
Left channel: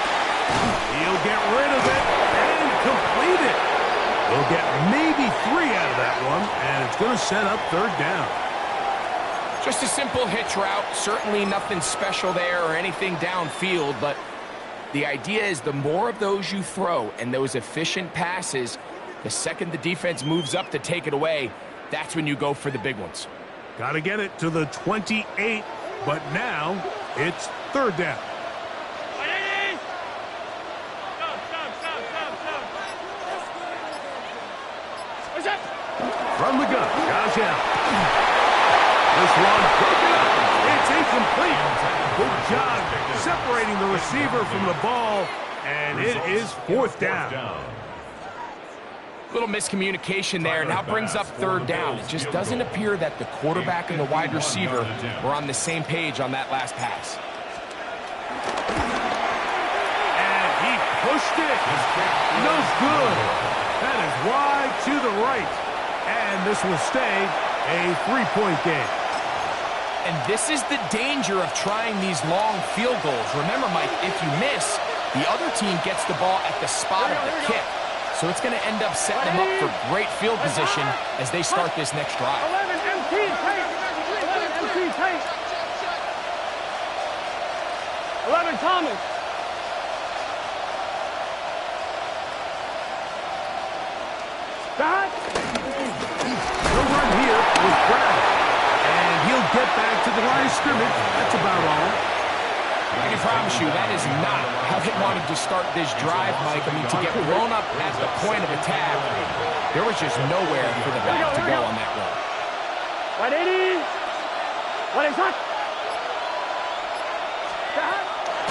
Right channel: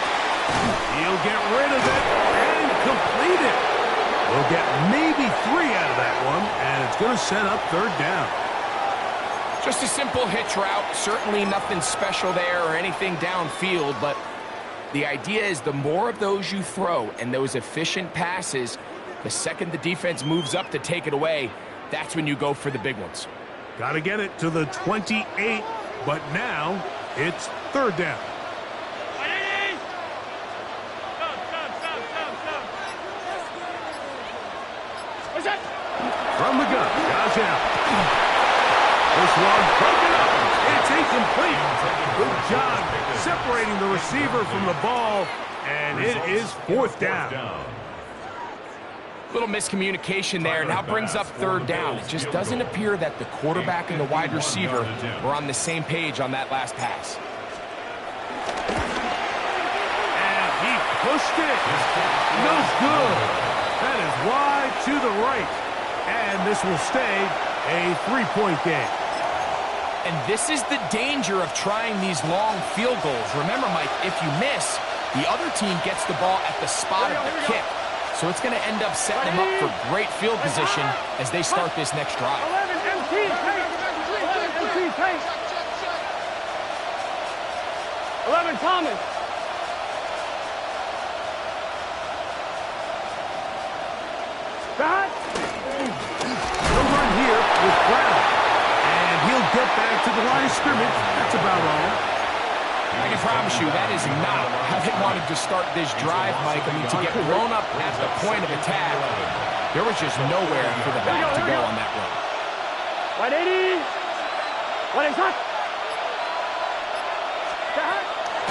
He'll get rid of it and complete it. We'll get maybe 3 out of that one, and it's going to set up 3rd down. Just a simple hitch route. Certainly nothing special there or anything downfield, but the idea is the more of those you throw and those efficient passes, the second the defense moves up to take it away, that's when you go for the big ones. Got to get it to the 28, but now it's 3rd down. From the gun, Josh Allen. This one broken up. It's incomplete. Good job separating the receiver from the ball, and it is 4th down. Little miscommunication there. Now brings up 3rd down. It just doesn't appear that the quarterback and the wide receiver were on the same page on that last pass. And he pushed it. No good. That is wide to the right. And this will stay a 3-point game. And this is the danger of trying these long field goals. Remember, Mike, if you miss, the other team gets the ball at the spot of the kick. So it's going to end up setting them up for great field position as they start this next drive. 11 MT tank. 11 MT tank. 11 Thomas. That. No run here with Brown. And he'll get back to the line of scrimmage. That's about all. I can promise you that is not how they wanted to start this drive, Mike. I mean, to get blown up at the point of attack, there was just nowhere for the back to go on that run. 180. 180.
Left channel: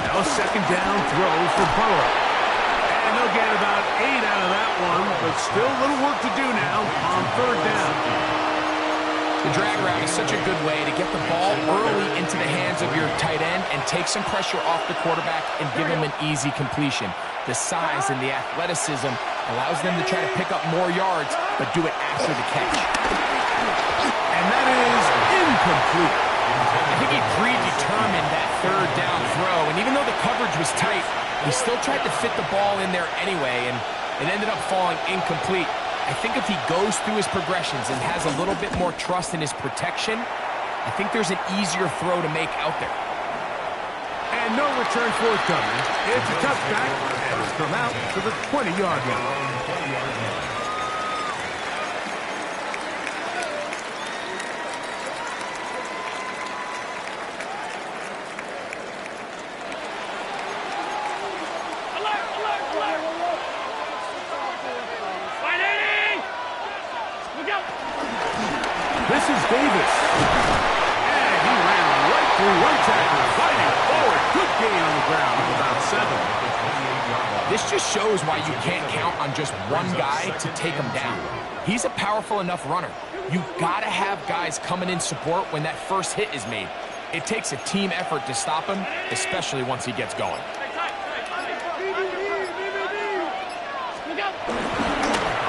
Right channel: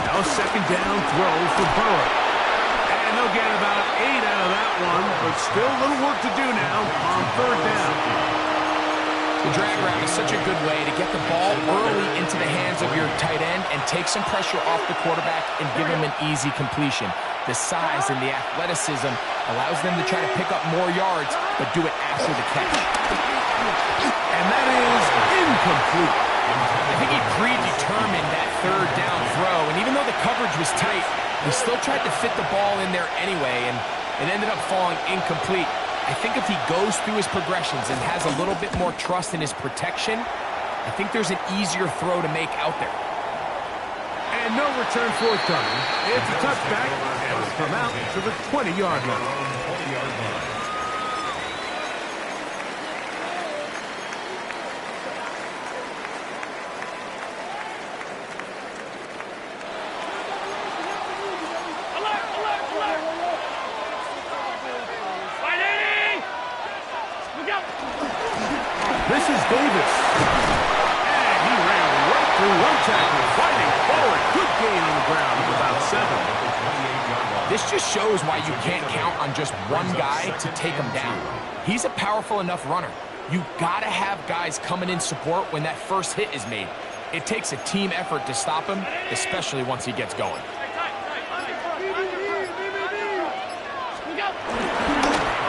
Now a 2nd down throw for Burrow. And they'll get about 8 out of that one, but still a little work to do now on 3rd down. The drag route is such a good way to get the ball early into the hands of your tight end and take some pressure off the quarterback and give him an easy completion. The size and the athleticism allows them to try to pick up more yards, but do it after the catch. And that is incomplete. I think he predetermined that 3rd down throw, and even though the coverage was tight, he still tried to fit the ball in there anyway, and it ended up falling incomplete. I think if he goes through his progressions and has a little bit more trust in his protection, I think there's an easier throw to make out there. And no return forthcoming. It's a touchback, and will come out to the 20-yard line. This is Davis. And he ran right through one tackle, fighting forward. Good gain on the ground of about 7. This just shows why you can't count on just one guy to take him down. He's a powerful enough runner. You've got to have guys coming in support when that first hit is made. It takes a team effort to stop him, especially once he gets going.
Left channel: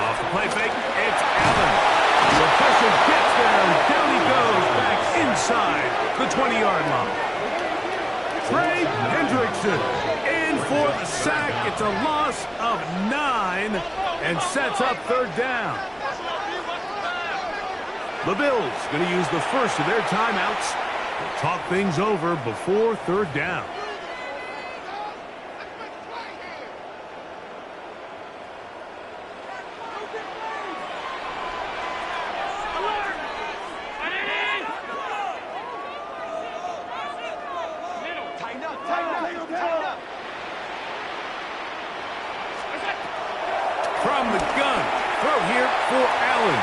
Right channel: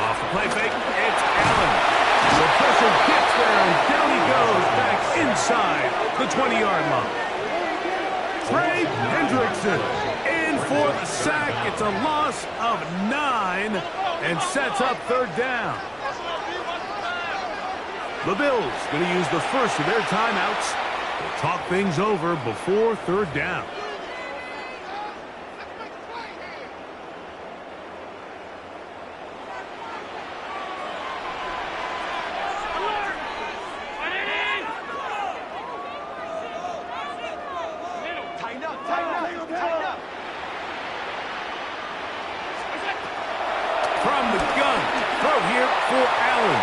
Off the play fake, it's Allen. The pressure gets there, and down he goes back inside the 20-yard line. Trey Hendrickson in for the sack. It's a loss of 9 and sets up 3rd down. The Bills going to use the first of their timeouts to talk things over before 3rd down. From the gun, throw here for Allen.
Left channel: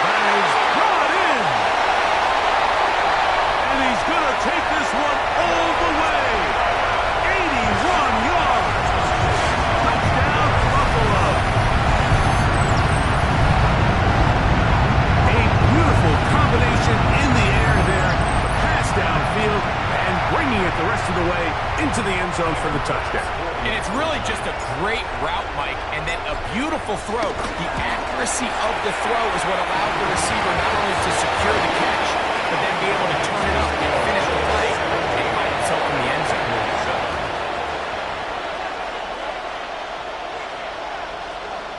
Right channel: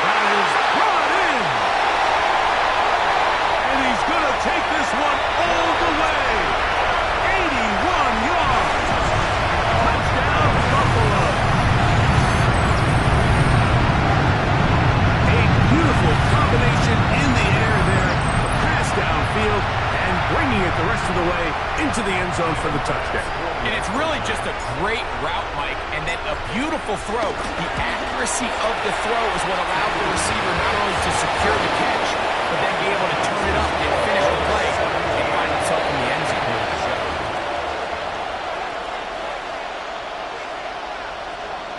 That is brought in. And he's going to take this one all the way. 81 yards. Touchdown, Buffalo. A beautiful combination in the air there. The pass downfield, and bringing it the rest of the way into the end zone for the touchdown. And it's really just a great route, Mike, and then a beautiful throw. The accuracy of the throw is what allowed the receiver not only to secure the catch, but then be able to turn it up and finish the play and find himself in the end zone.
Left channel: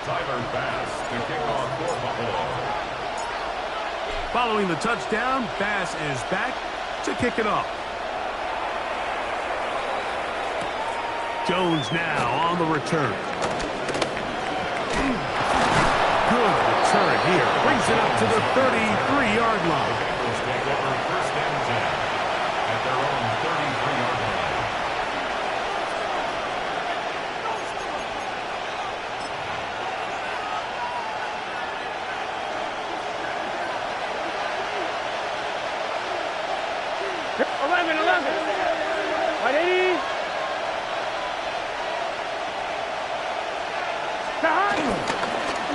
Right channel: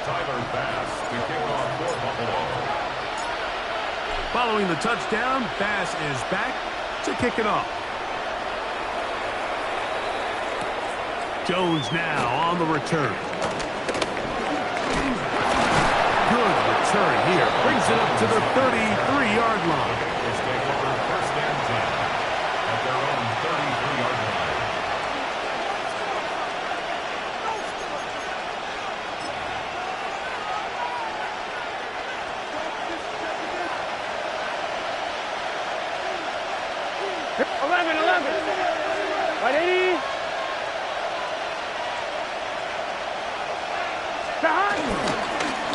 Tyler Bass to kick off for Buffalo. Following the touchdown, Bass is back to kick it off. Jones now on the return. Good return here. Brings it up to the 33-yard line. The Bengals take over 1st and 10 at their own 33-yard line. Right, 80.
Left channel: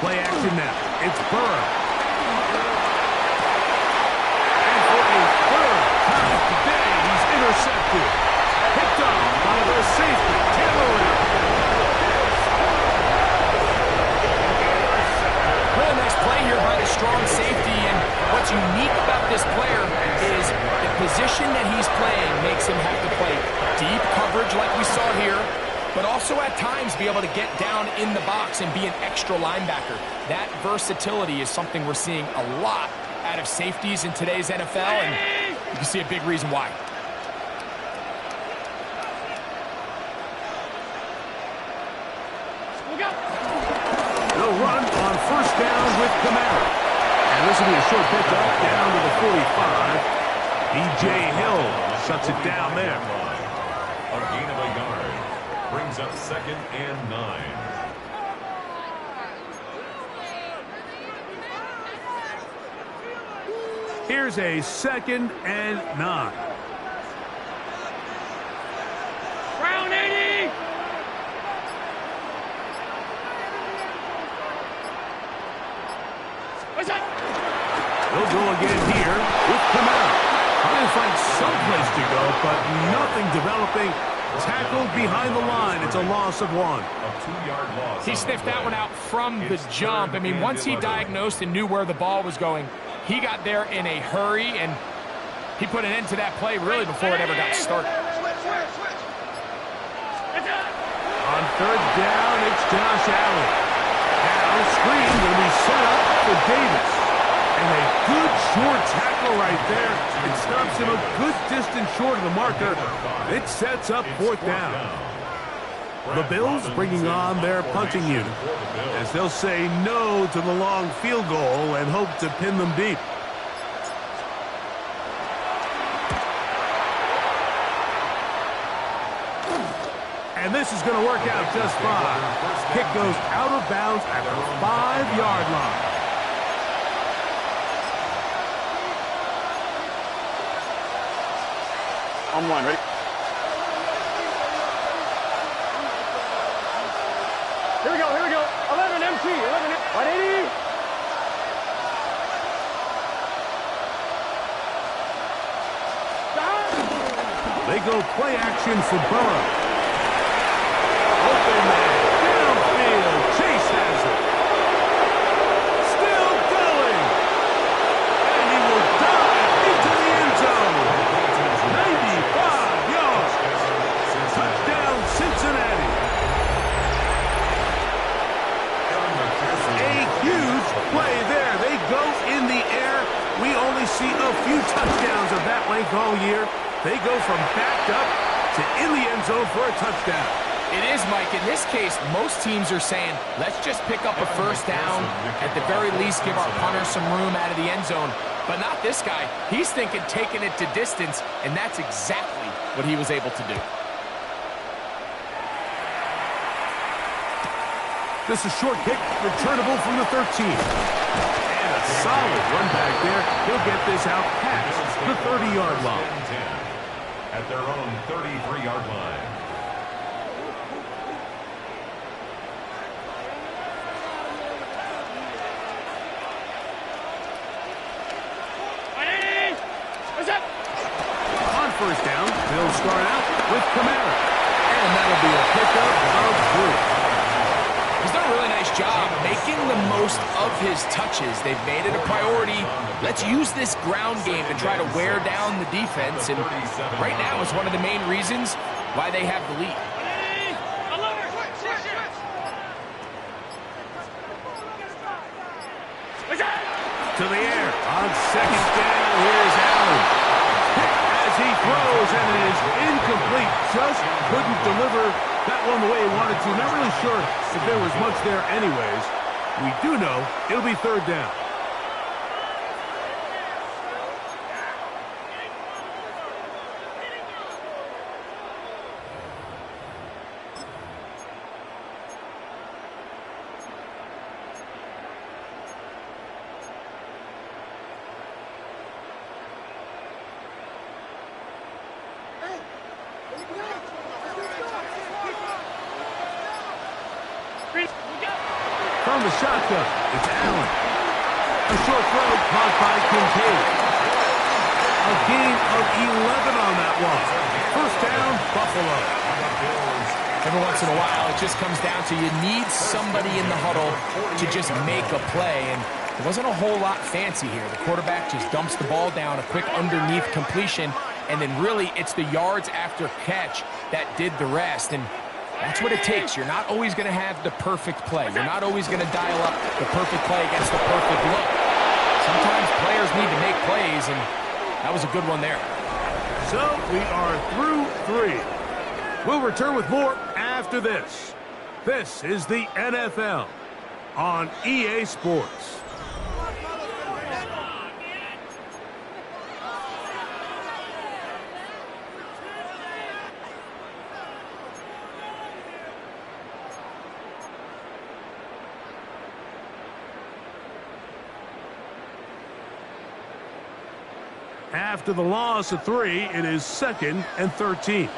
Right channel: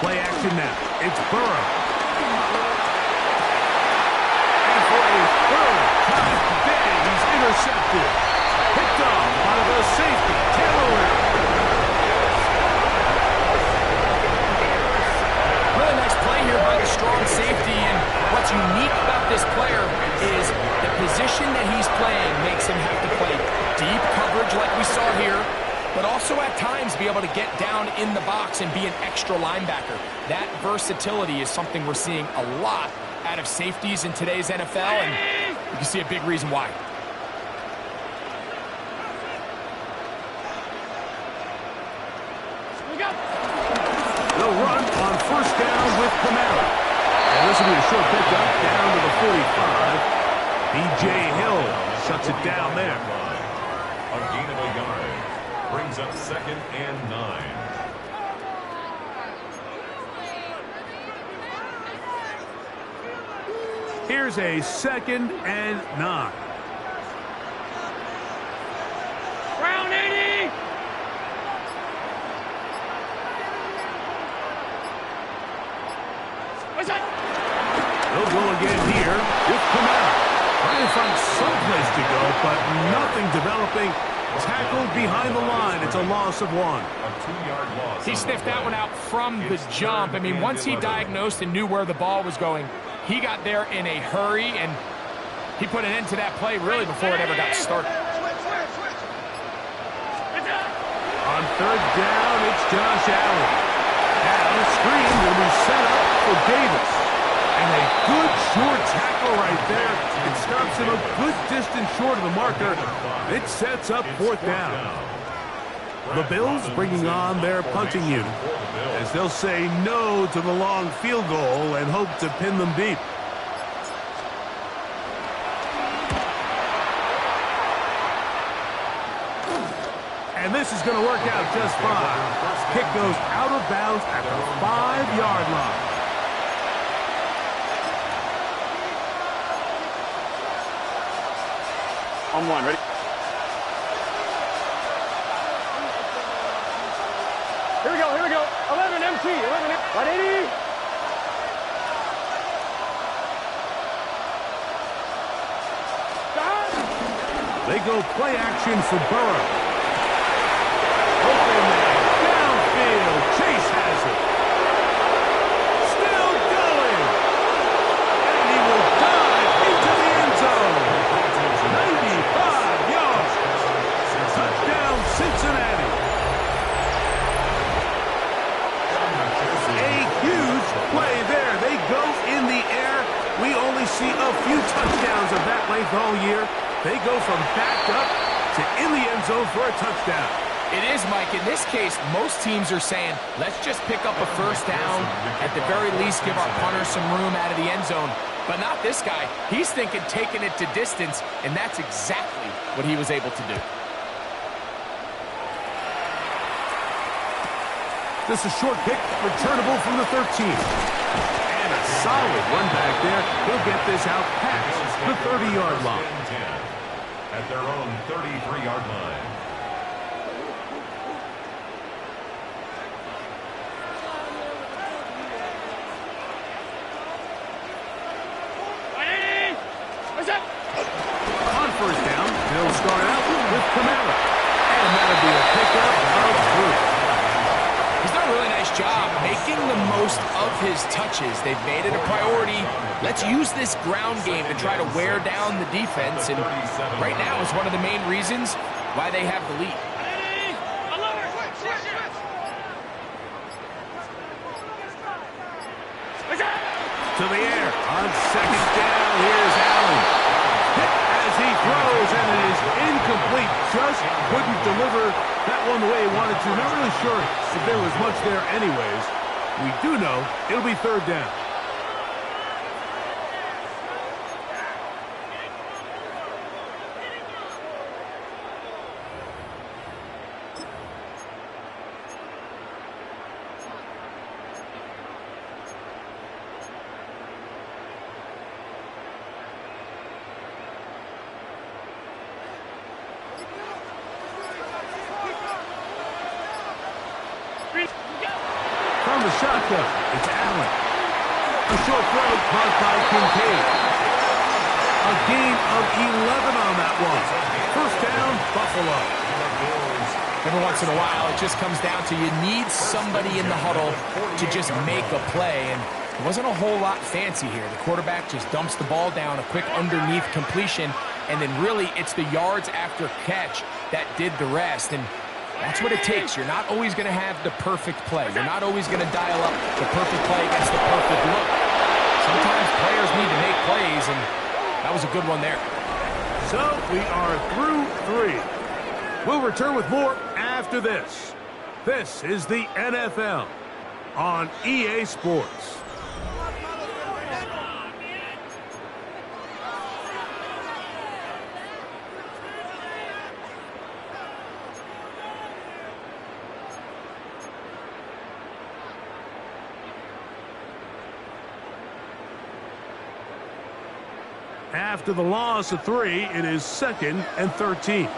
Play action now. It's Burrow. And for a third time today, he's intercepted. Picked off by the safety, Taylor Rapp. Really nice play here by the strong safety, and what's unique about this player is the position that he's playing makes him have to play deep coverage like we saw here, but also at times be able to get down in the box and be an extra linebacker. That versatility is something we're seeing a lot out of safeties in today's NFL, and you can see a big reason why. They'll run on 1st down with Kamara. And this will be a short pickup down to the 45. B.J. Hill shuts it down there. A gain of a yard. Brings up 2nd and 9. Here's a 2nd and 9. Round 80. What's that? They'll go again here with Kamara. Trying to find some place to go, but nothing developing. Tackled behind the line. It's a loss of 1. A 2-yard loss. He sniffed that one out from the jump. I mean, once he diagnosed and knew where the ball was going, he got there in a hurry, and he put an end to that play really before it ever got started. On 3rd down, it's Josh Allen. Now, screen going to be set up for Davis. And a good short tackle right there. It stops him a good distance short of the marker. It sets up 4th down. The Bills bringing on their punting unit, as they'll say no to the long field goal and hope to pin them deep. And this is going to work out just fine. Kick goes out of bounds at the 5-yard line. On 1, ready? Here we go, 11 MT, 11 MT. 180. They go play action for Burrow. Open man, downfield, Chase has it. Still going. And he will dive into the end zone. 95 yards. Touchdown, Cincinnati. A huge play there. They go in the air. We only see a few touchdowns of that length all year. They go from backed up to in the end zone for a touchdown. It is, Mike. In this case, most teams are saying, let's just pick up a 1st down. At the very least, give our punter some room out of the end zone. But not this guy. He's thinking taking it to distance, and that's exactly what he was able to do. This is short kick, returnable from the 13. And a solid run back there. He'll get this out past the 30-yard line. At their own 33-yard line. On 1st down, they'll will start out with Kamara. And that'll be a pickup of 3. He's done a really nice job making the most of his touches. They've made it a priority. Let's use this ground game to try to wear down the defense. And right now is one of the main reasons why they have the lead. To the air on second down. Here's Allen. Hit as he throws, and it is incomplete. Just couldn't deliver that one the way he wanted to. Not really sure if there was much there anyways. We do know it'll be third down. From the shotgun, it's Allen. A short throw caught by Kincaid. A gain of 11 on that one. First down, Buffalo. Every once in a while, it just comes down to you need somebody in the huddle to just make a play. And it wasn't a whole lot fancy here. The quarterback just dumps the ball down, a quick underneath completion, and then really it's the yards after catch that did the rest. And that's what it takes. You're not always going to have the perfect play. You're not always going to dial up the perfect play against the perfect look. Sometimes players need to make plays, and that was a good one there. So we are through 3. We'll return with more after this. This is the NFL on EA Sports. After the loss of 3, it is 2nd and 13.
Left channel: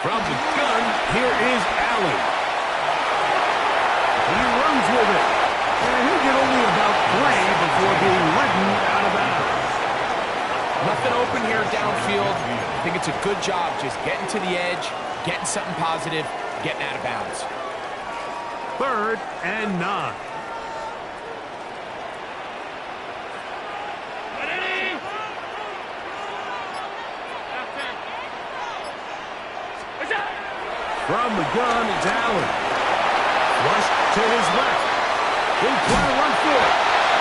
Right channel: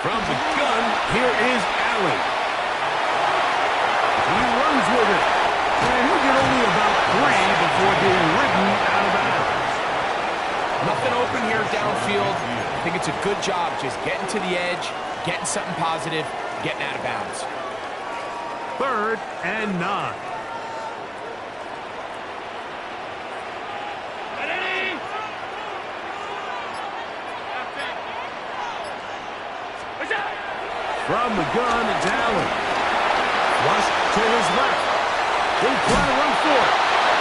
From the gun, here is Allen. He runs with it. And he'll get only about 3 before being ridden out of bounds. Nothing open here downfield. I think it's a good job just getting to the edge, getting something positive, getting out of bounds. 3rd and 9. From the gun, it's Allen. Flush to his left. He'll try to run for it.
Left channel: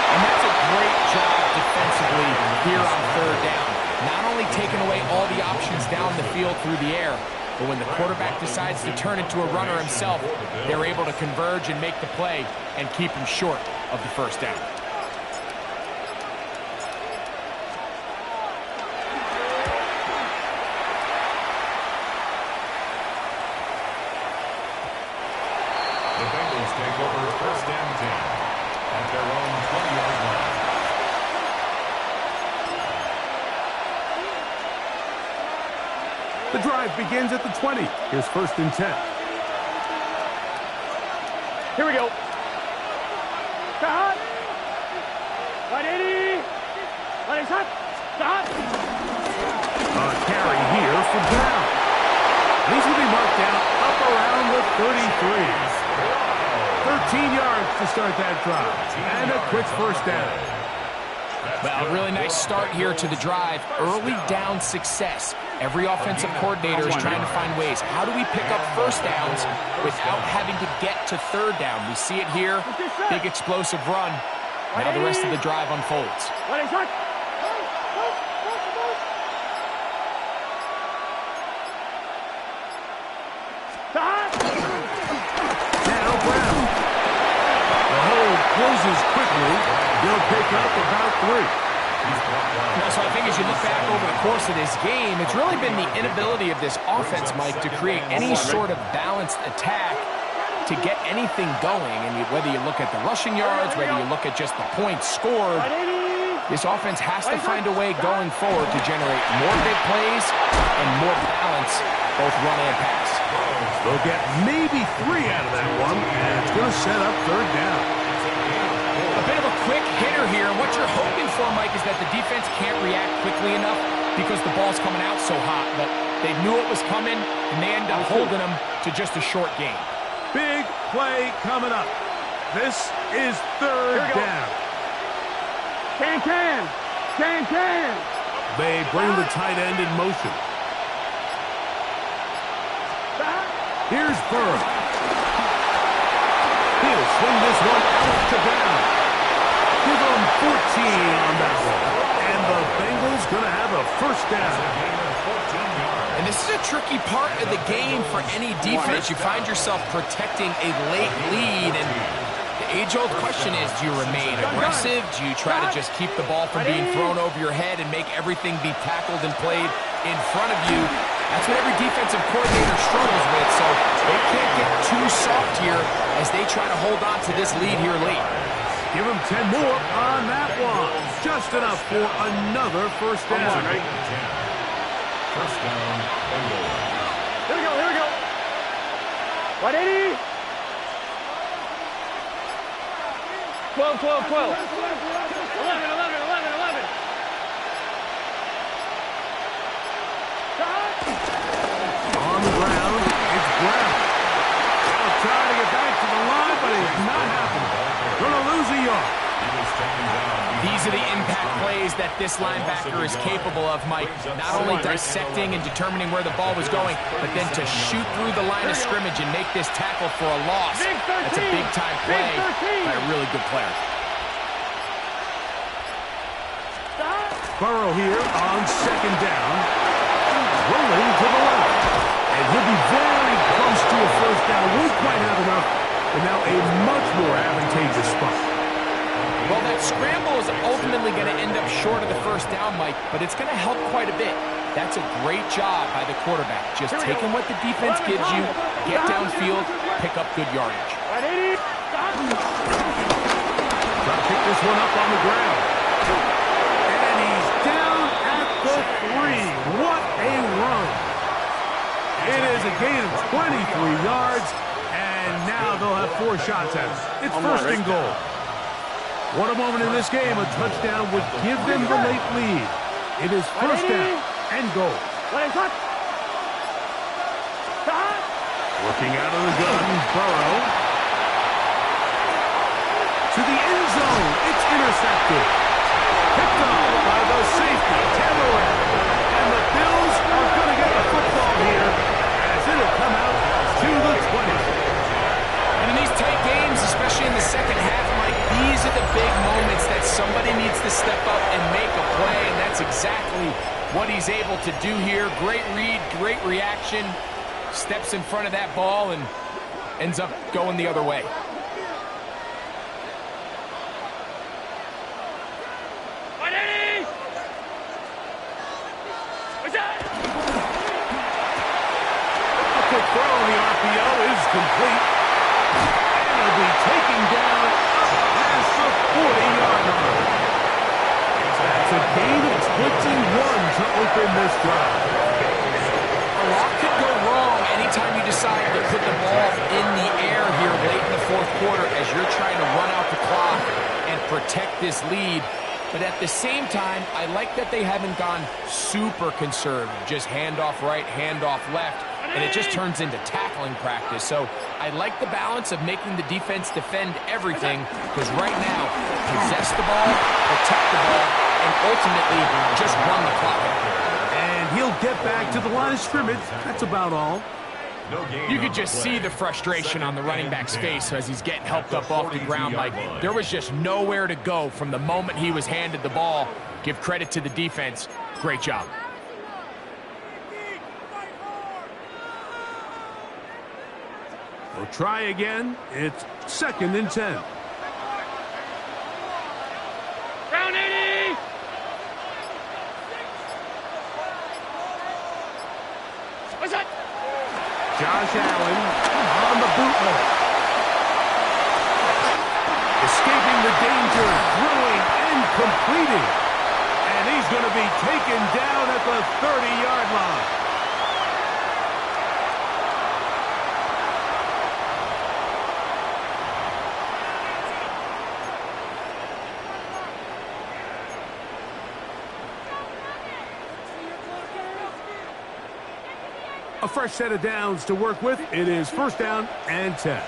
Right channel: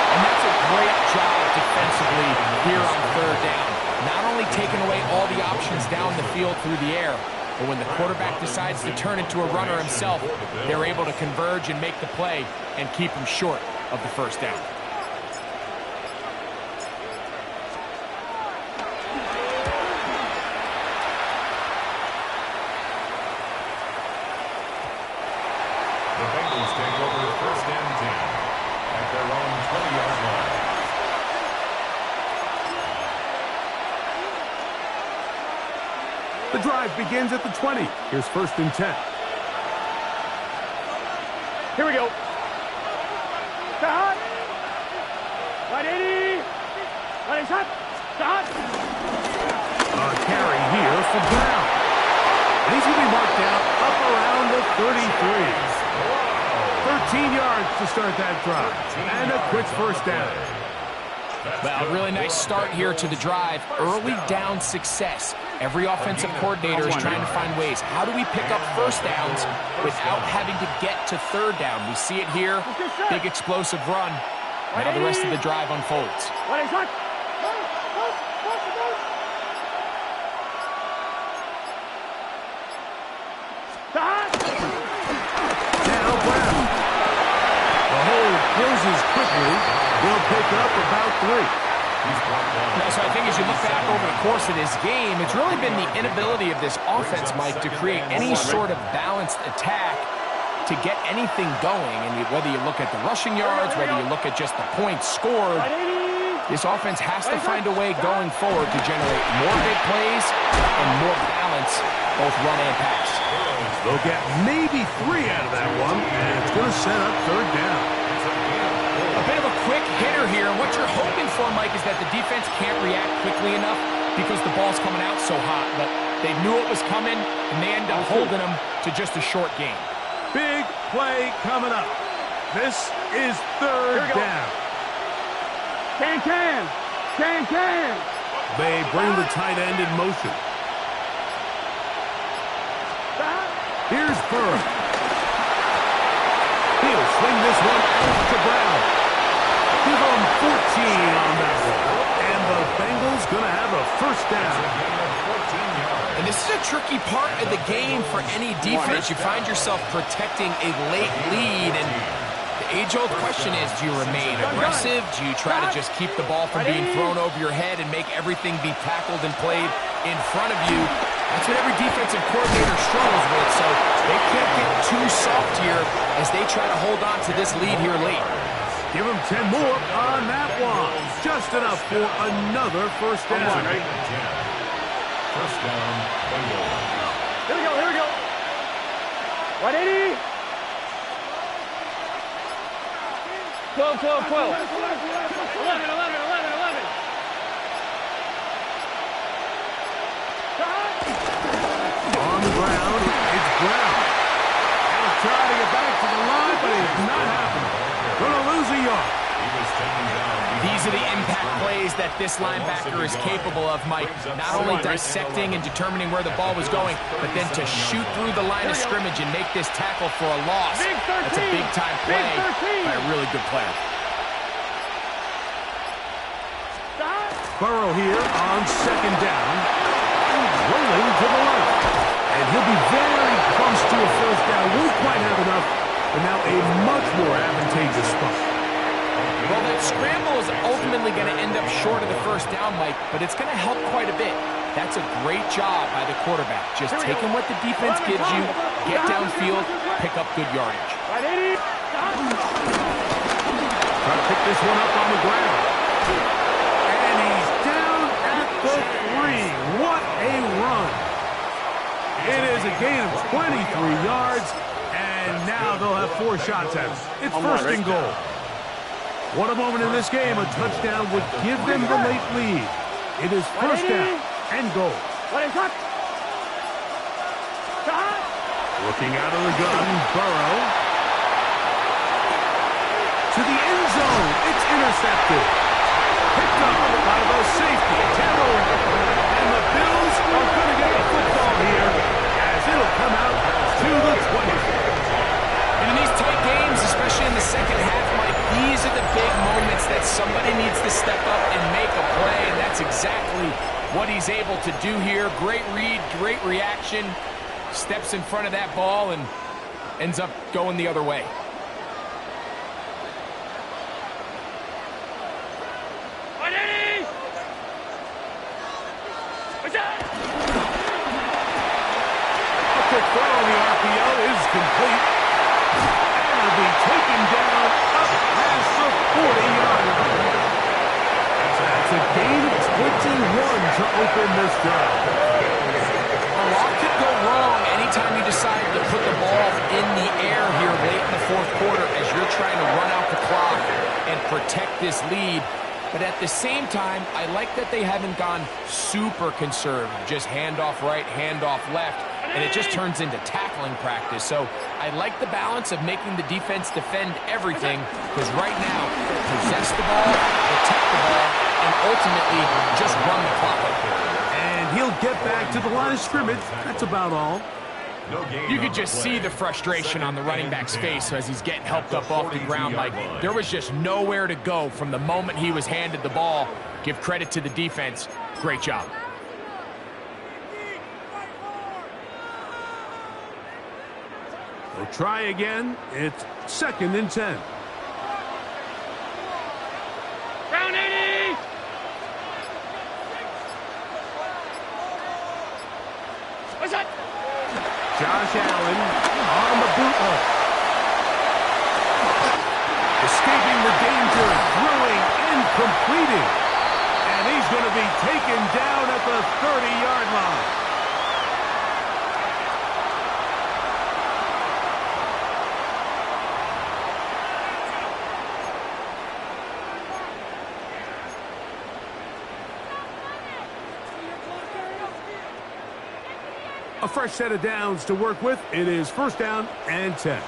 And that's a great job defensively here on 3rd down. Not only taking away all the options down the field through the air, but when the quarterback decides to turn into a runner himself, they're able to converge and make the play and keep him short of the 1st down. The Bengals take over 1st and 10 at their own 20-yard line. The drive begins at the 20. Here's 1st and 10. Here we go. Start. 180. 180. Start. A carry here for Brown. And he's going to be marked down up around the 33. 13 yards to start that drive. And a quick 1st down. Well, a really nice start here to the drive. Early down success. Every offensive coordinator is trying to find ways. How do we pick up 1st downs without having to get to 3rd down? We see it here. Big explosive run. Now the rest of the drive unfolds. Now Brown. The hole closes quickly. They'll pick up about 3. So I think as you look back over the course of this game, it's really been the inability of this offense, Mike, to create any sort of balanced attack to get anything going. And whether you look at the rushing yards, whether you look at just the points scored, this offense has to find a way going forward to generate more big plays and more balance, both run and pass. They'll get maybe 3 out of that one, and it's going to set up 3rd down. A A bit of a quick hitter here. And what you're hoping for, Mike, is that the defense can't react quickly enough because the ball's coming out so hot. But they knew it was coming, and they end up holding them to just a short game. Big play coming up. This is third down. Can. They bring the tight end in motion. Here's Burrow. He'll swing this one out to Brown. Give them 14 on that one. And the Bengals going to have a first down. And this is a tricky part of the game for any defense. You find yourself protecting a late lead, and the age-old question is, do you remain aggressive? Do you try to just keep the ball from being thrown over your head and make everything be tackled and played in front of you? That's what every defensive coordinator struggles with, so they can't get too soft here as they try to hold on to this lead here late. Give them 10 more on that one. Just enough for another first down. First down, Bengals. Here we go. 180. 12. 11. On the ground, it's Brown. He'll try to get back to the line, but it's not happening. Gonna lose a yard. These are the impact plays that this linebacker is capable of, Mike. Not only dissecting and determining where the ball was going, but then to shoot through the line of scrimmage and make this tackle for a loss. That's a big-time play by a really good player. Burrow here on second down. Rolling to the left. And he'll be very close to a first down. Won't quite have enough, but now a much more advantageous spot. Well, that scramble is ultimately going to end up short of the first down, Mike, but it's going to help quite a bit. That's a great job by the quarterback. Just taking what the defense gives you, get downfield, pick up good yardage. Trying to pick this one up on the ground. And he's down at the 3. What a run. It is a gain of 23 yards, and now they'll have 4 shots at it. It's first and goal. What a moment in this game. A touchdown would give them the late lead. It is first down and goal. Looking out of the gun, Burrow. To the end zone. It's intercepted. Picked up by the safety, Taylor. And the Bills are going to get the football here as it'll come out to the 20. And in these tight games, especially in the second half, Mike, these are the big moments that somebody needs to step up and make a play, and that's exactly what he's able to do here. Great read, great reaction, steps in front of that ball and ends up going the other way. A quick throw on the RPO is complete. Will be taken down up past the 40-yard line. That's a gain of 21 to open this drive. A lot could go wrong anytime you decide to put the ball in the air here late in the fourth quarter as you're trying to run out the clock and protect this lead. But at the same time, I like that they haven't gone super conservative, just handoff right, handoff left, and it just turns into tackling practice. So I like the balance of making the defense defend everything, because right now, possess the ball, protect the ball, and ultimately just run the clock. And he'll get back to the line of scrimmage. That's about all. You could just see the frustration on the running back's face as he's getting helped up off the ground. Like, there was just nowhere to go from the moment he was handed the ball. Give credit to the defense. Great job. They'll try again. It's second and 10. Round 80. What's that? Josh Allen on the bootleg. Escaping the danger, throwing and completing. And he's going to be taken down at the 30-yard line. A fresh set of downs to work with. It is 1st down and 10.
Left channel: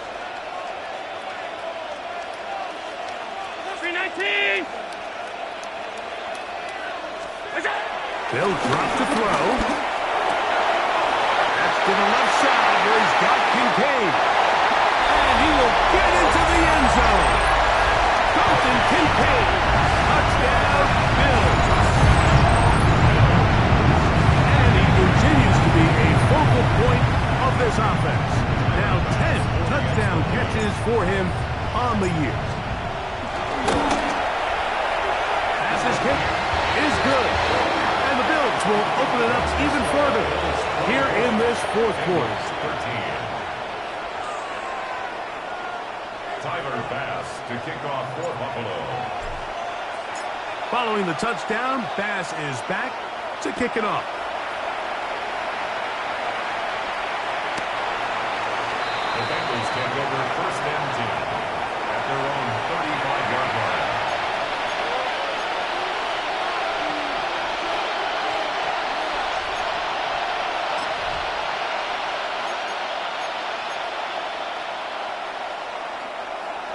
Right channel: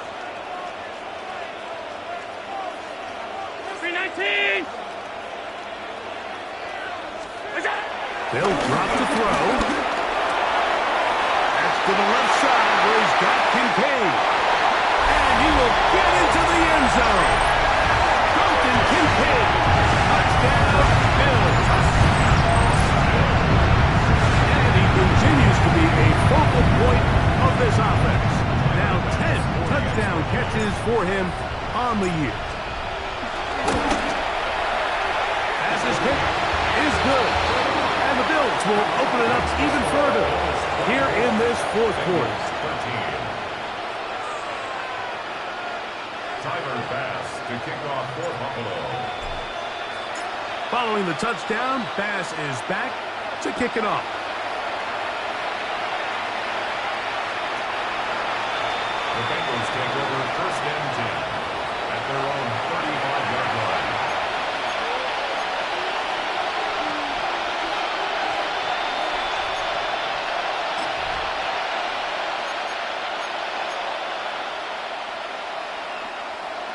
319. They'll drop to throw. That's to the left side where he's got Kincaid. And he will get into the end zone. Dalton Kincaid. Touchdown, Bills. And he continues to be a focal point of this offense. Now 10 touchdown catches for him on the year. Passes kick is good. And the Bills will open it up even further here in this 4th quarter. 13. Tyler Bass to kick off for Buffalo. Following the touchdown, Bass is back to kick it off. The Bengals take over 1st and 10 at their own 35-yard line.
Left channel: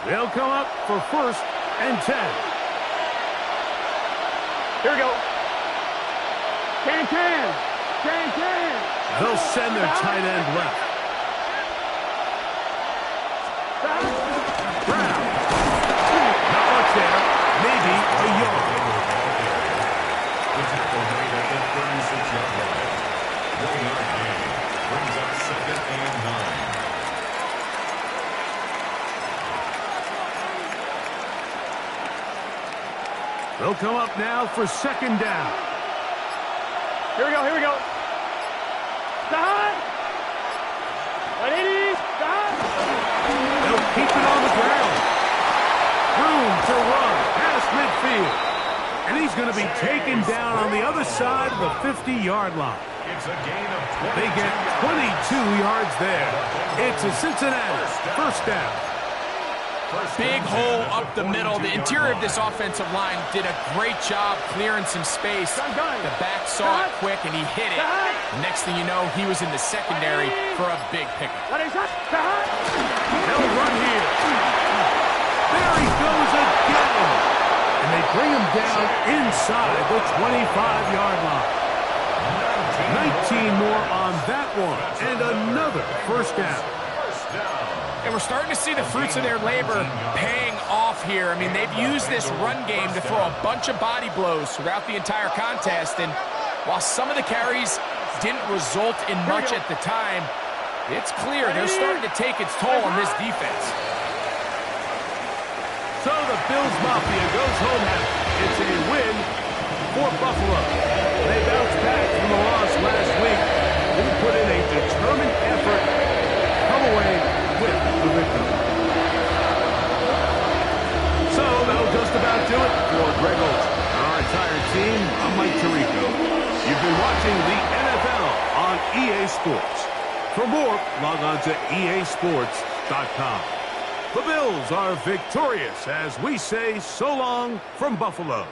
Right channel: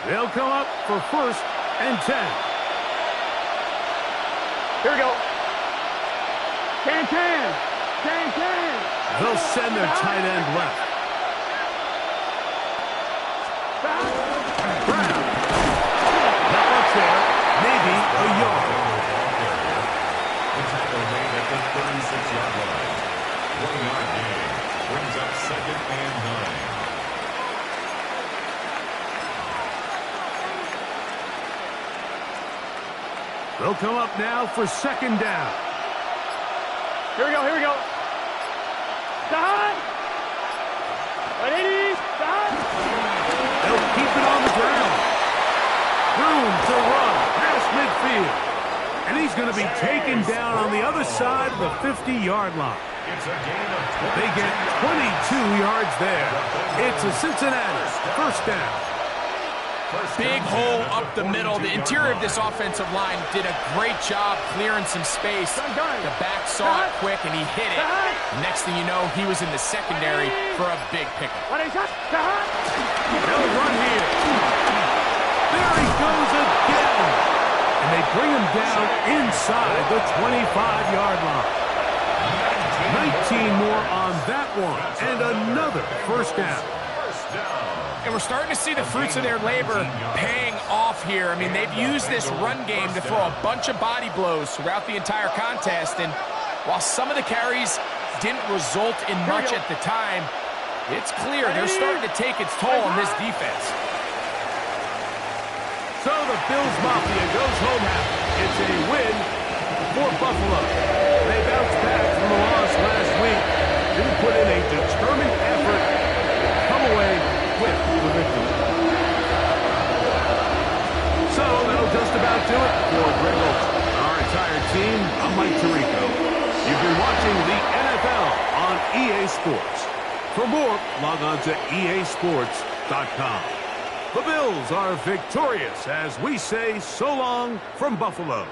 They'll come up for 1st and 10. Here we go. Can. They'll send their tight end left. Brown. Not much there. Maybe a yard. The tackle made at the 36-yard line. 1-yard gain brings up 2nd and 9. They'll come up now for 2nd down. Here we go. Stop. 180. Stop. They'll keep it on the ground. Room to run past midfield. And he's going to be taken down on the other side of the 50-yard line. It's a gain of 22. They get 22 yards there. It's a Cincinnati 1st down. Big hole up the middle. The interior of this offensive line did a great job clearing some space. The back saw it quick, and he hit it. The next thing you know, he was in the secondary for a big pickup. They'll run here. There he goes again. And they bring him down inside the 25-yard line. 19 more on that one. And another 1st down. And we're starting to see the fruits of their labor paying off here. I mean, they've used this run game to throw a bunch of body blows throughout the entire contest. And while some of the carries didn't result in much at the time, it's clear they're starting to take its toll on this defense. So the Bills Mafia goes home happy. It's a win for Buffalo. They bounced back from the loss last week. Didn't put in a determined effort. Come away with the victory. So that'll just about do it for Greg Olson and our entire team. I'm Mike Tirico. You've been watching the NFL on EA Sports. For more, log on to easports.com. The Bills are victorious as we say so long from Buffalo.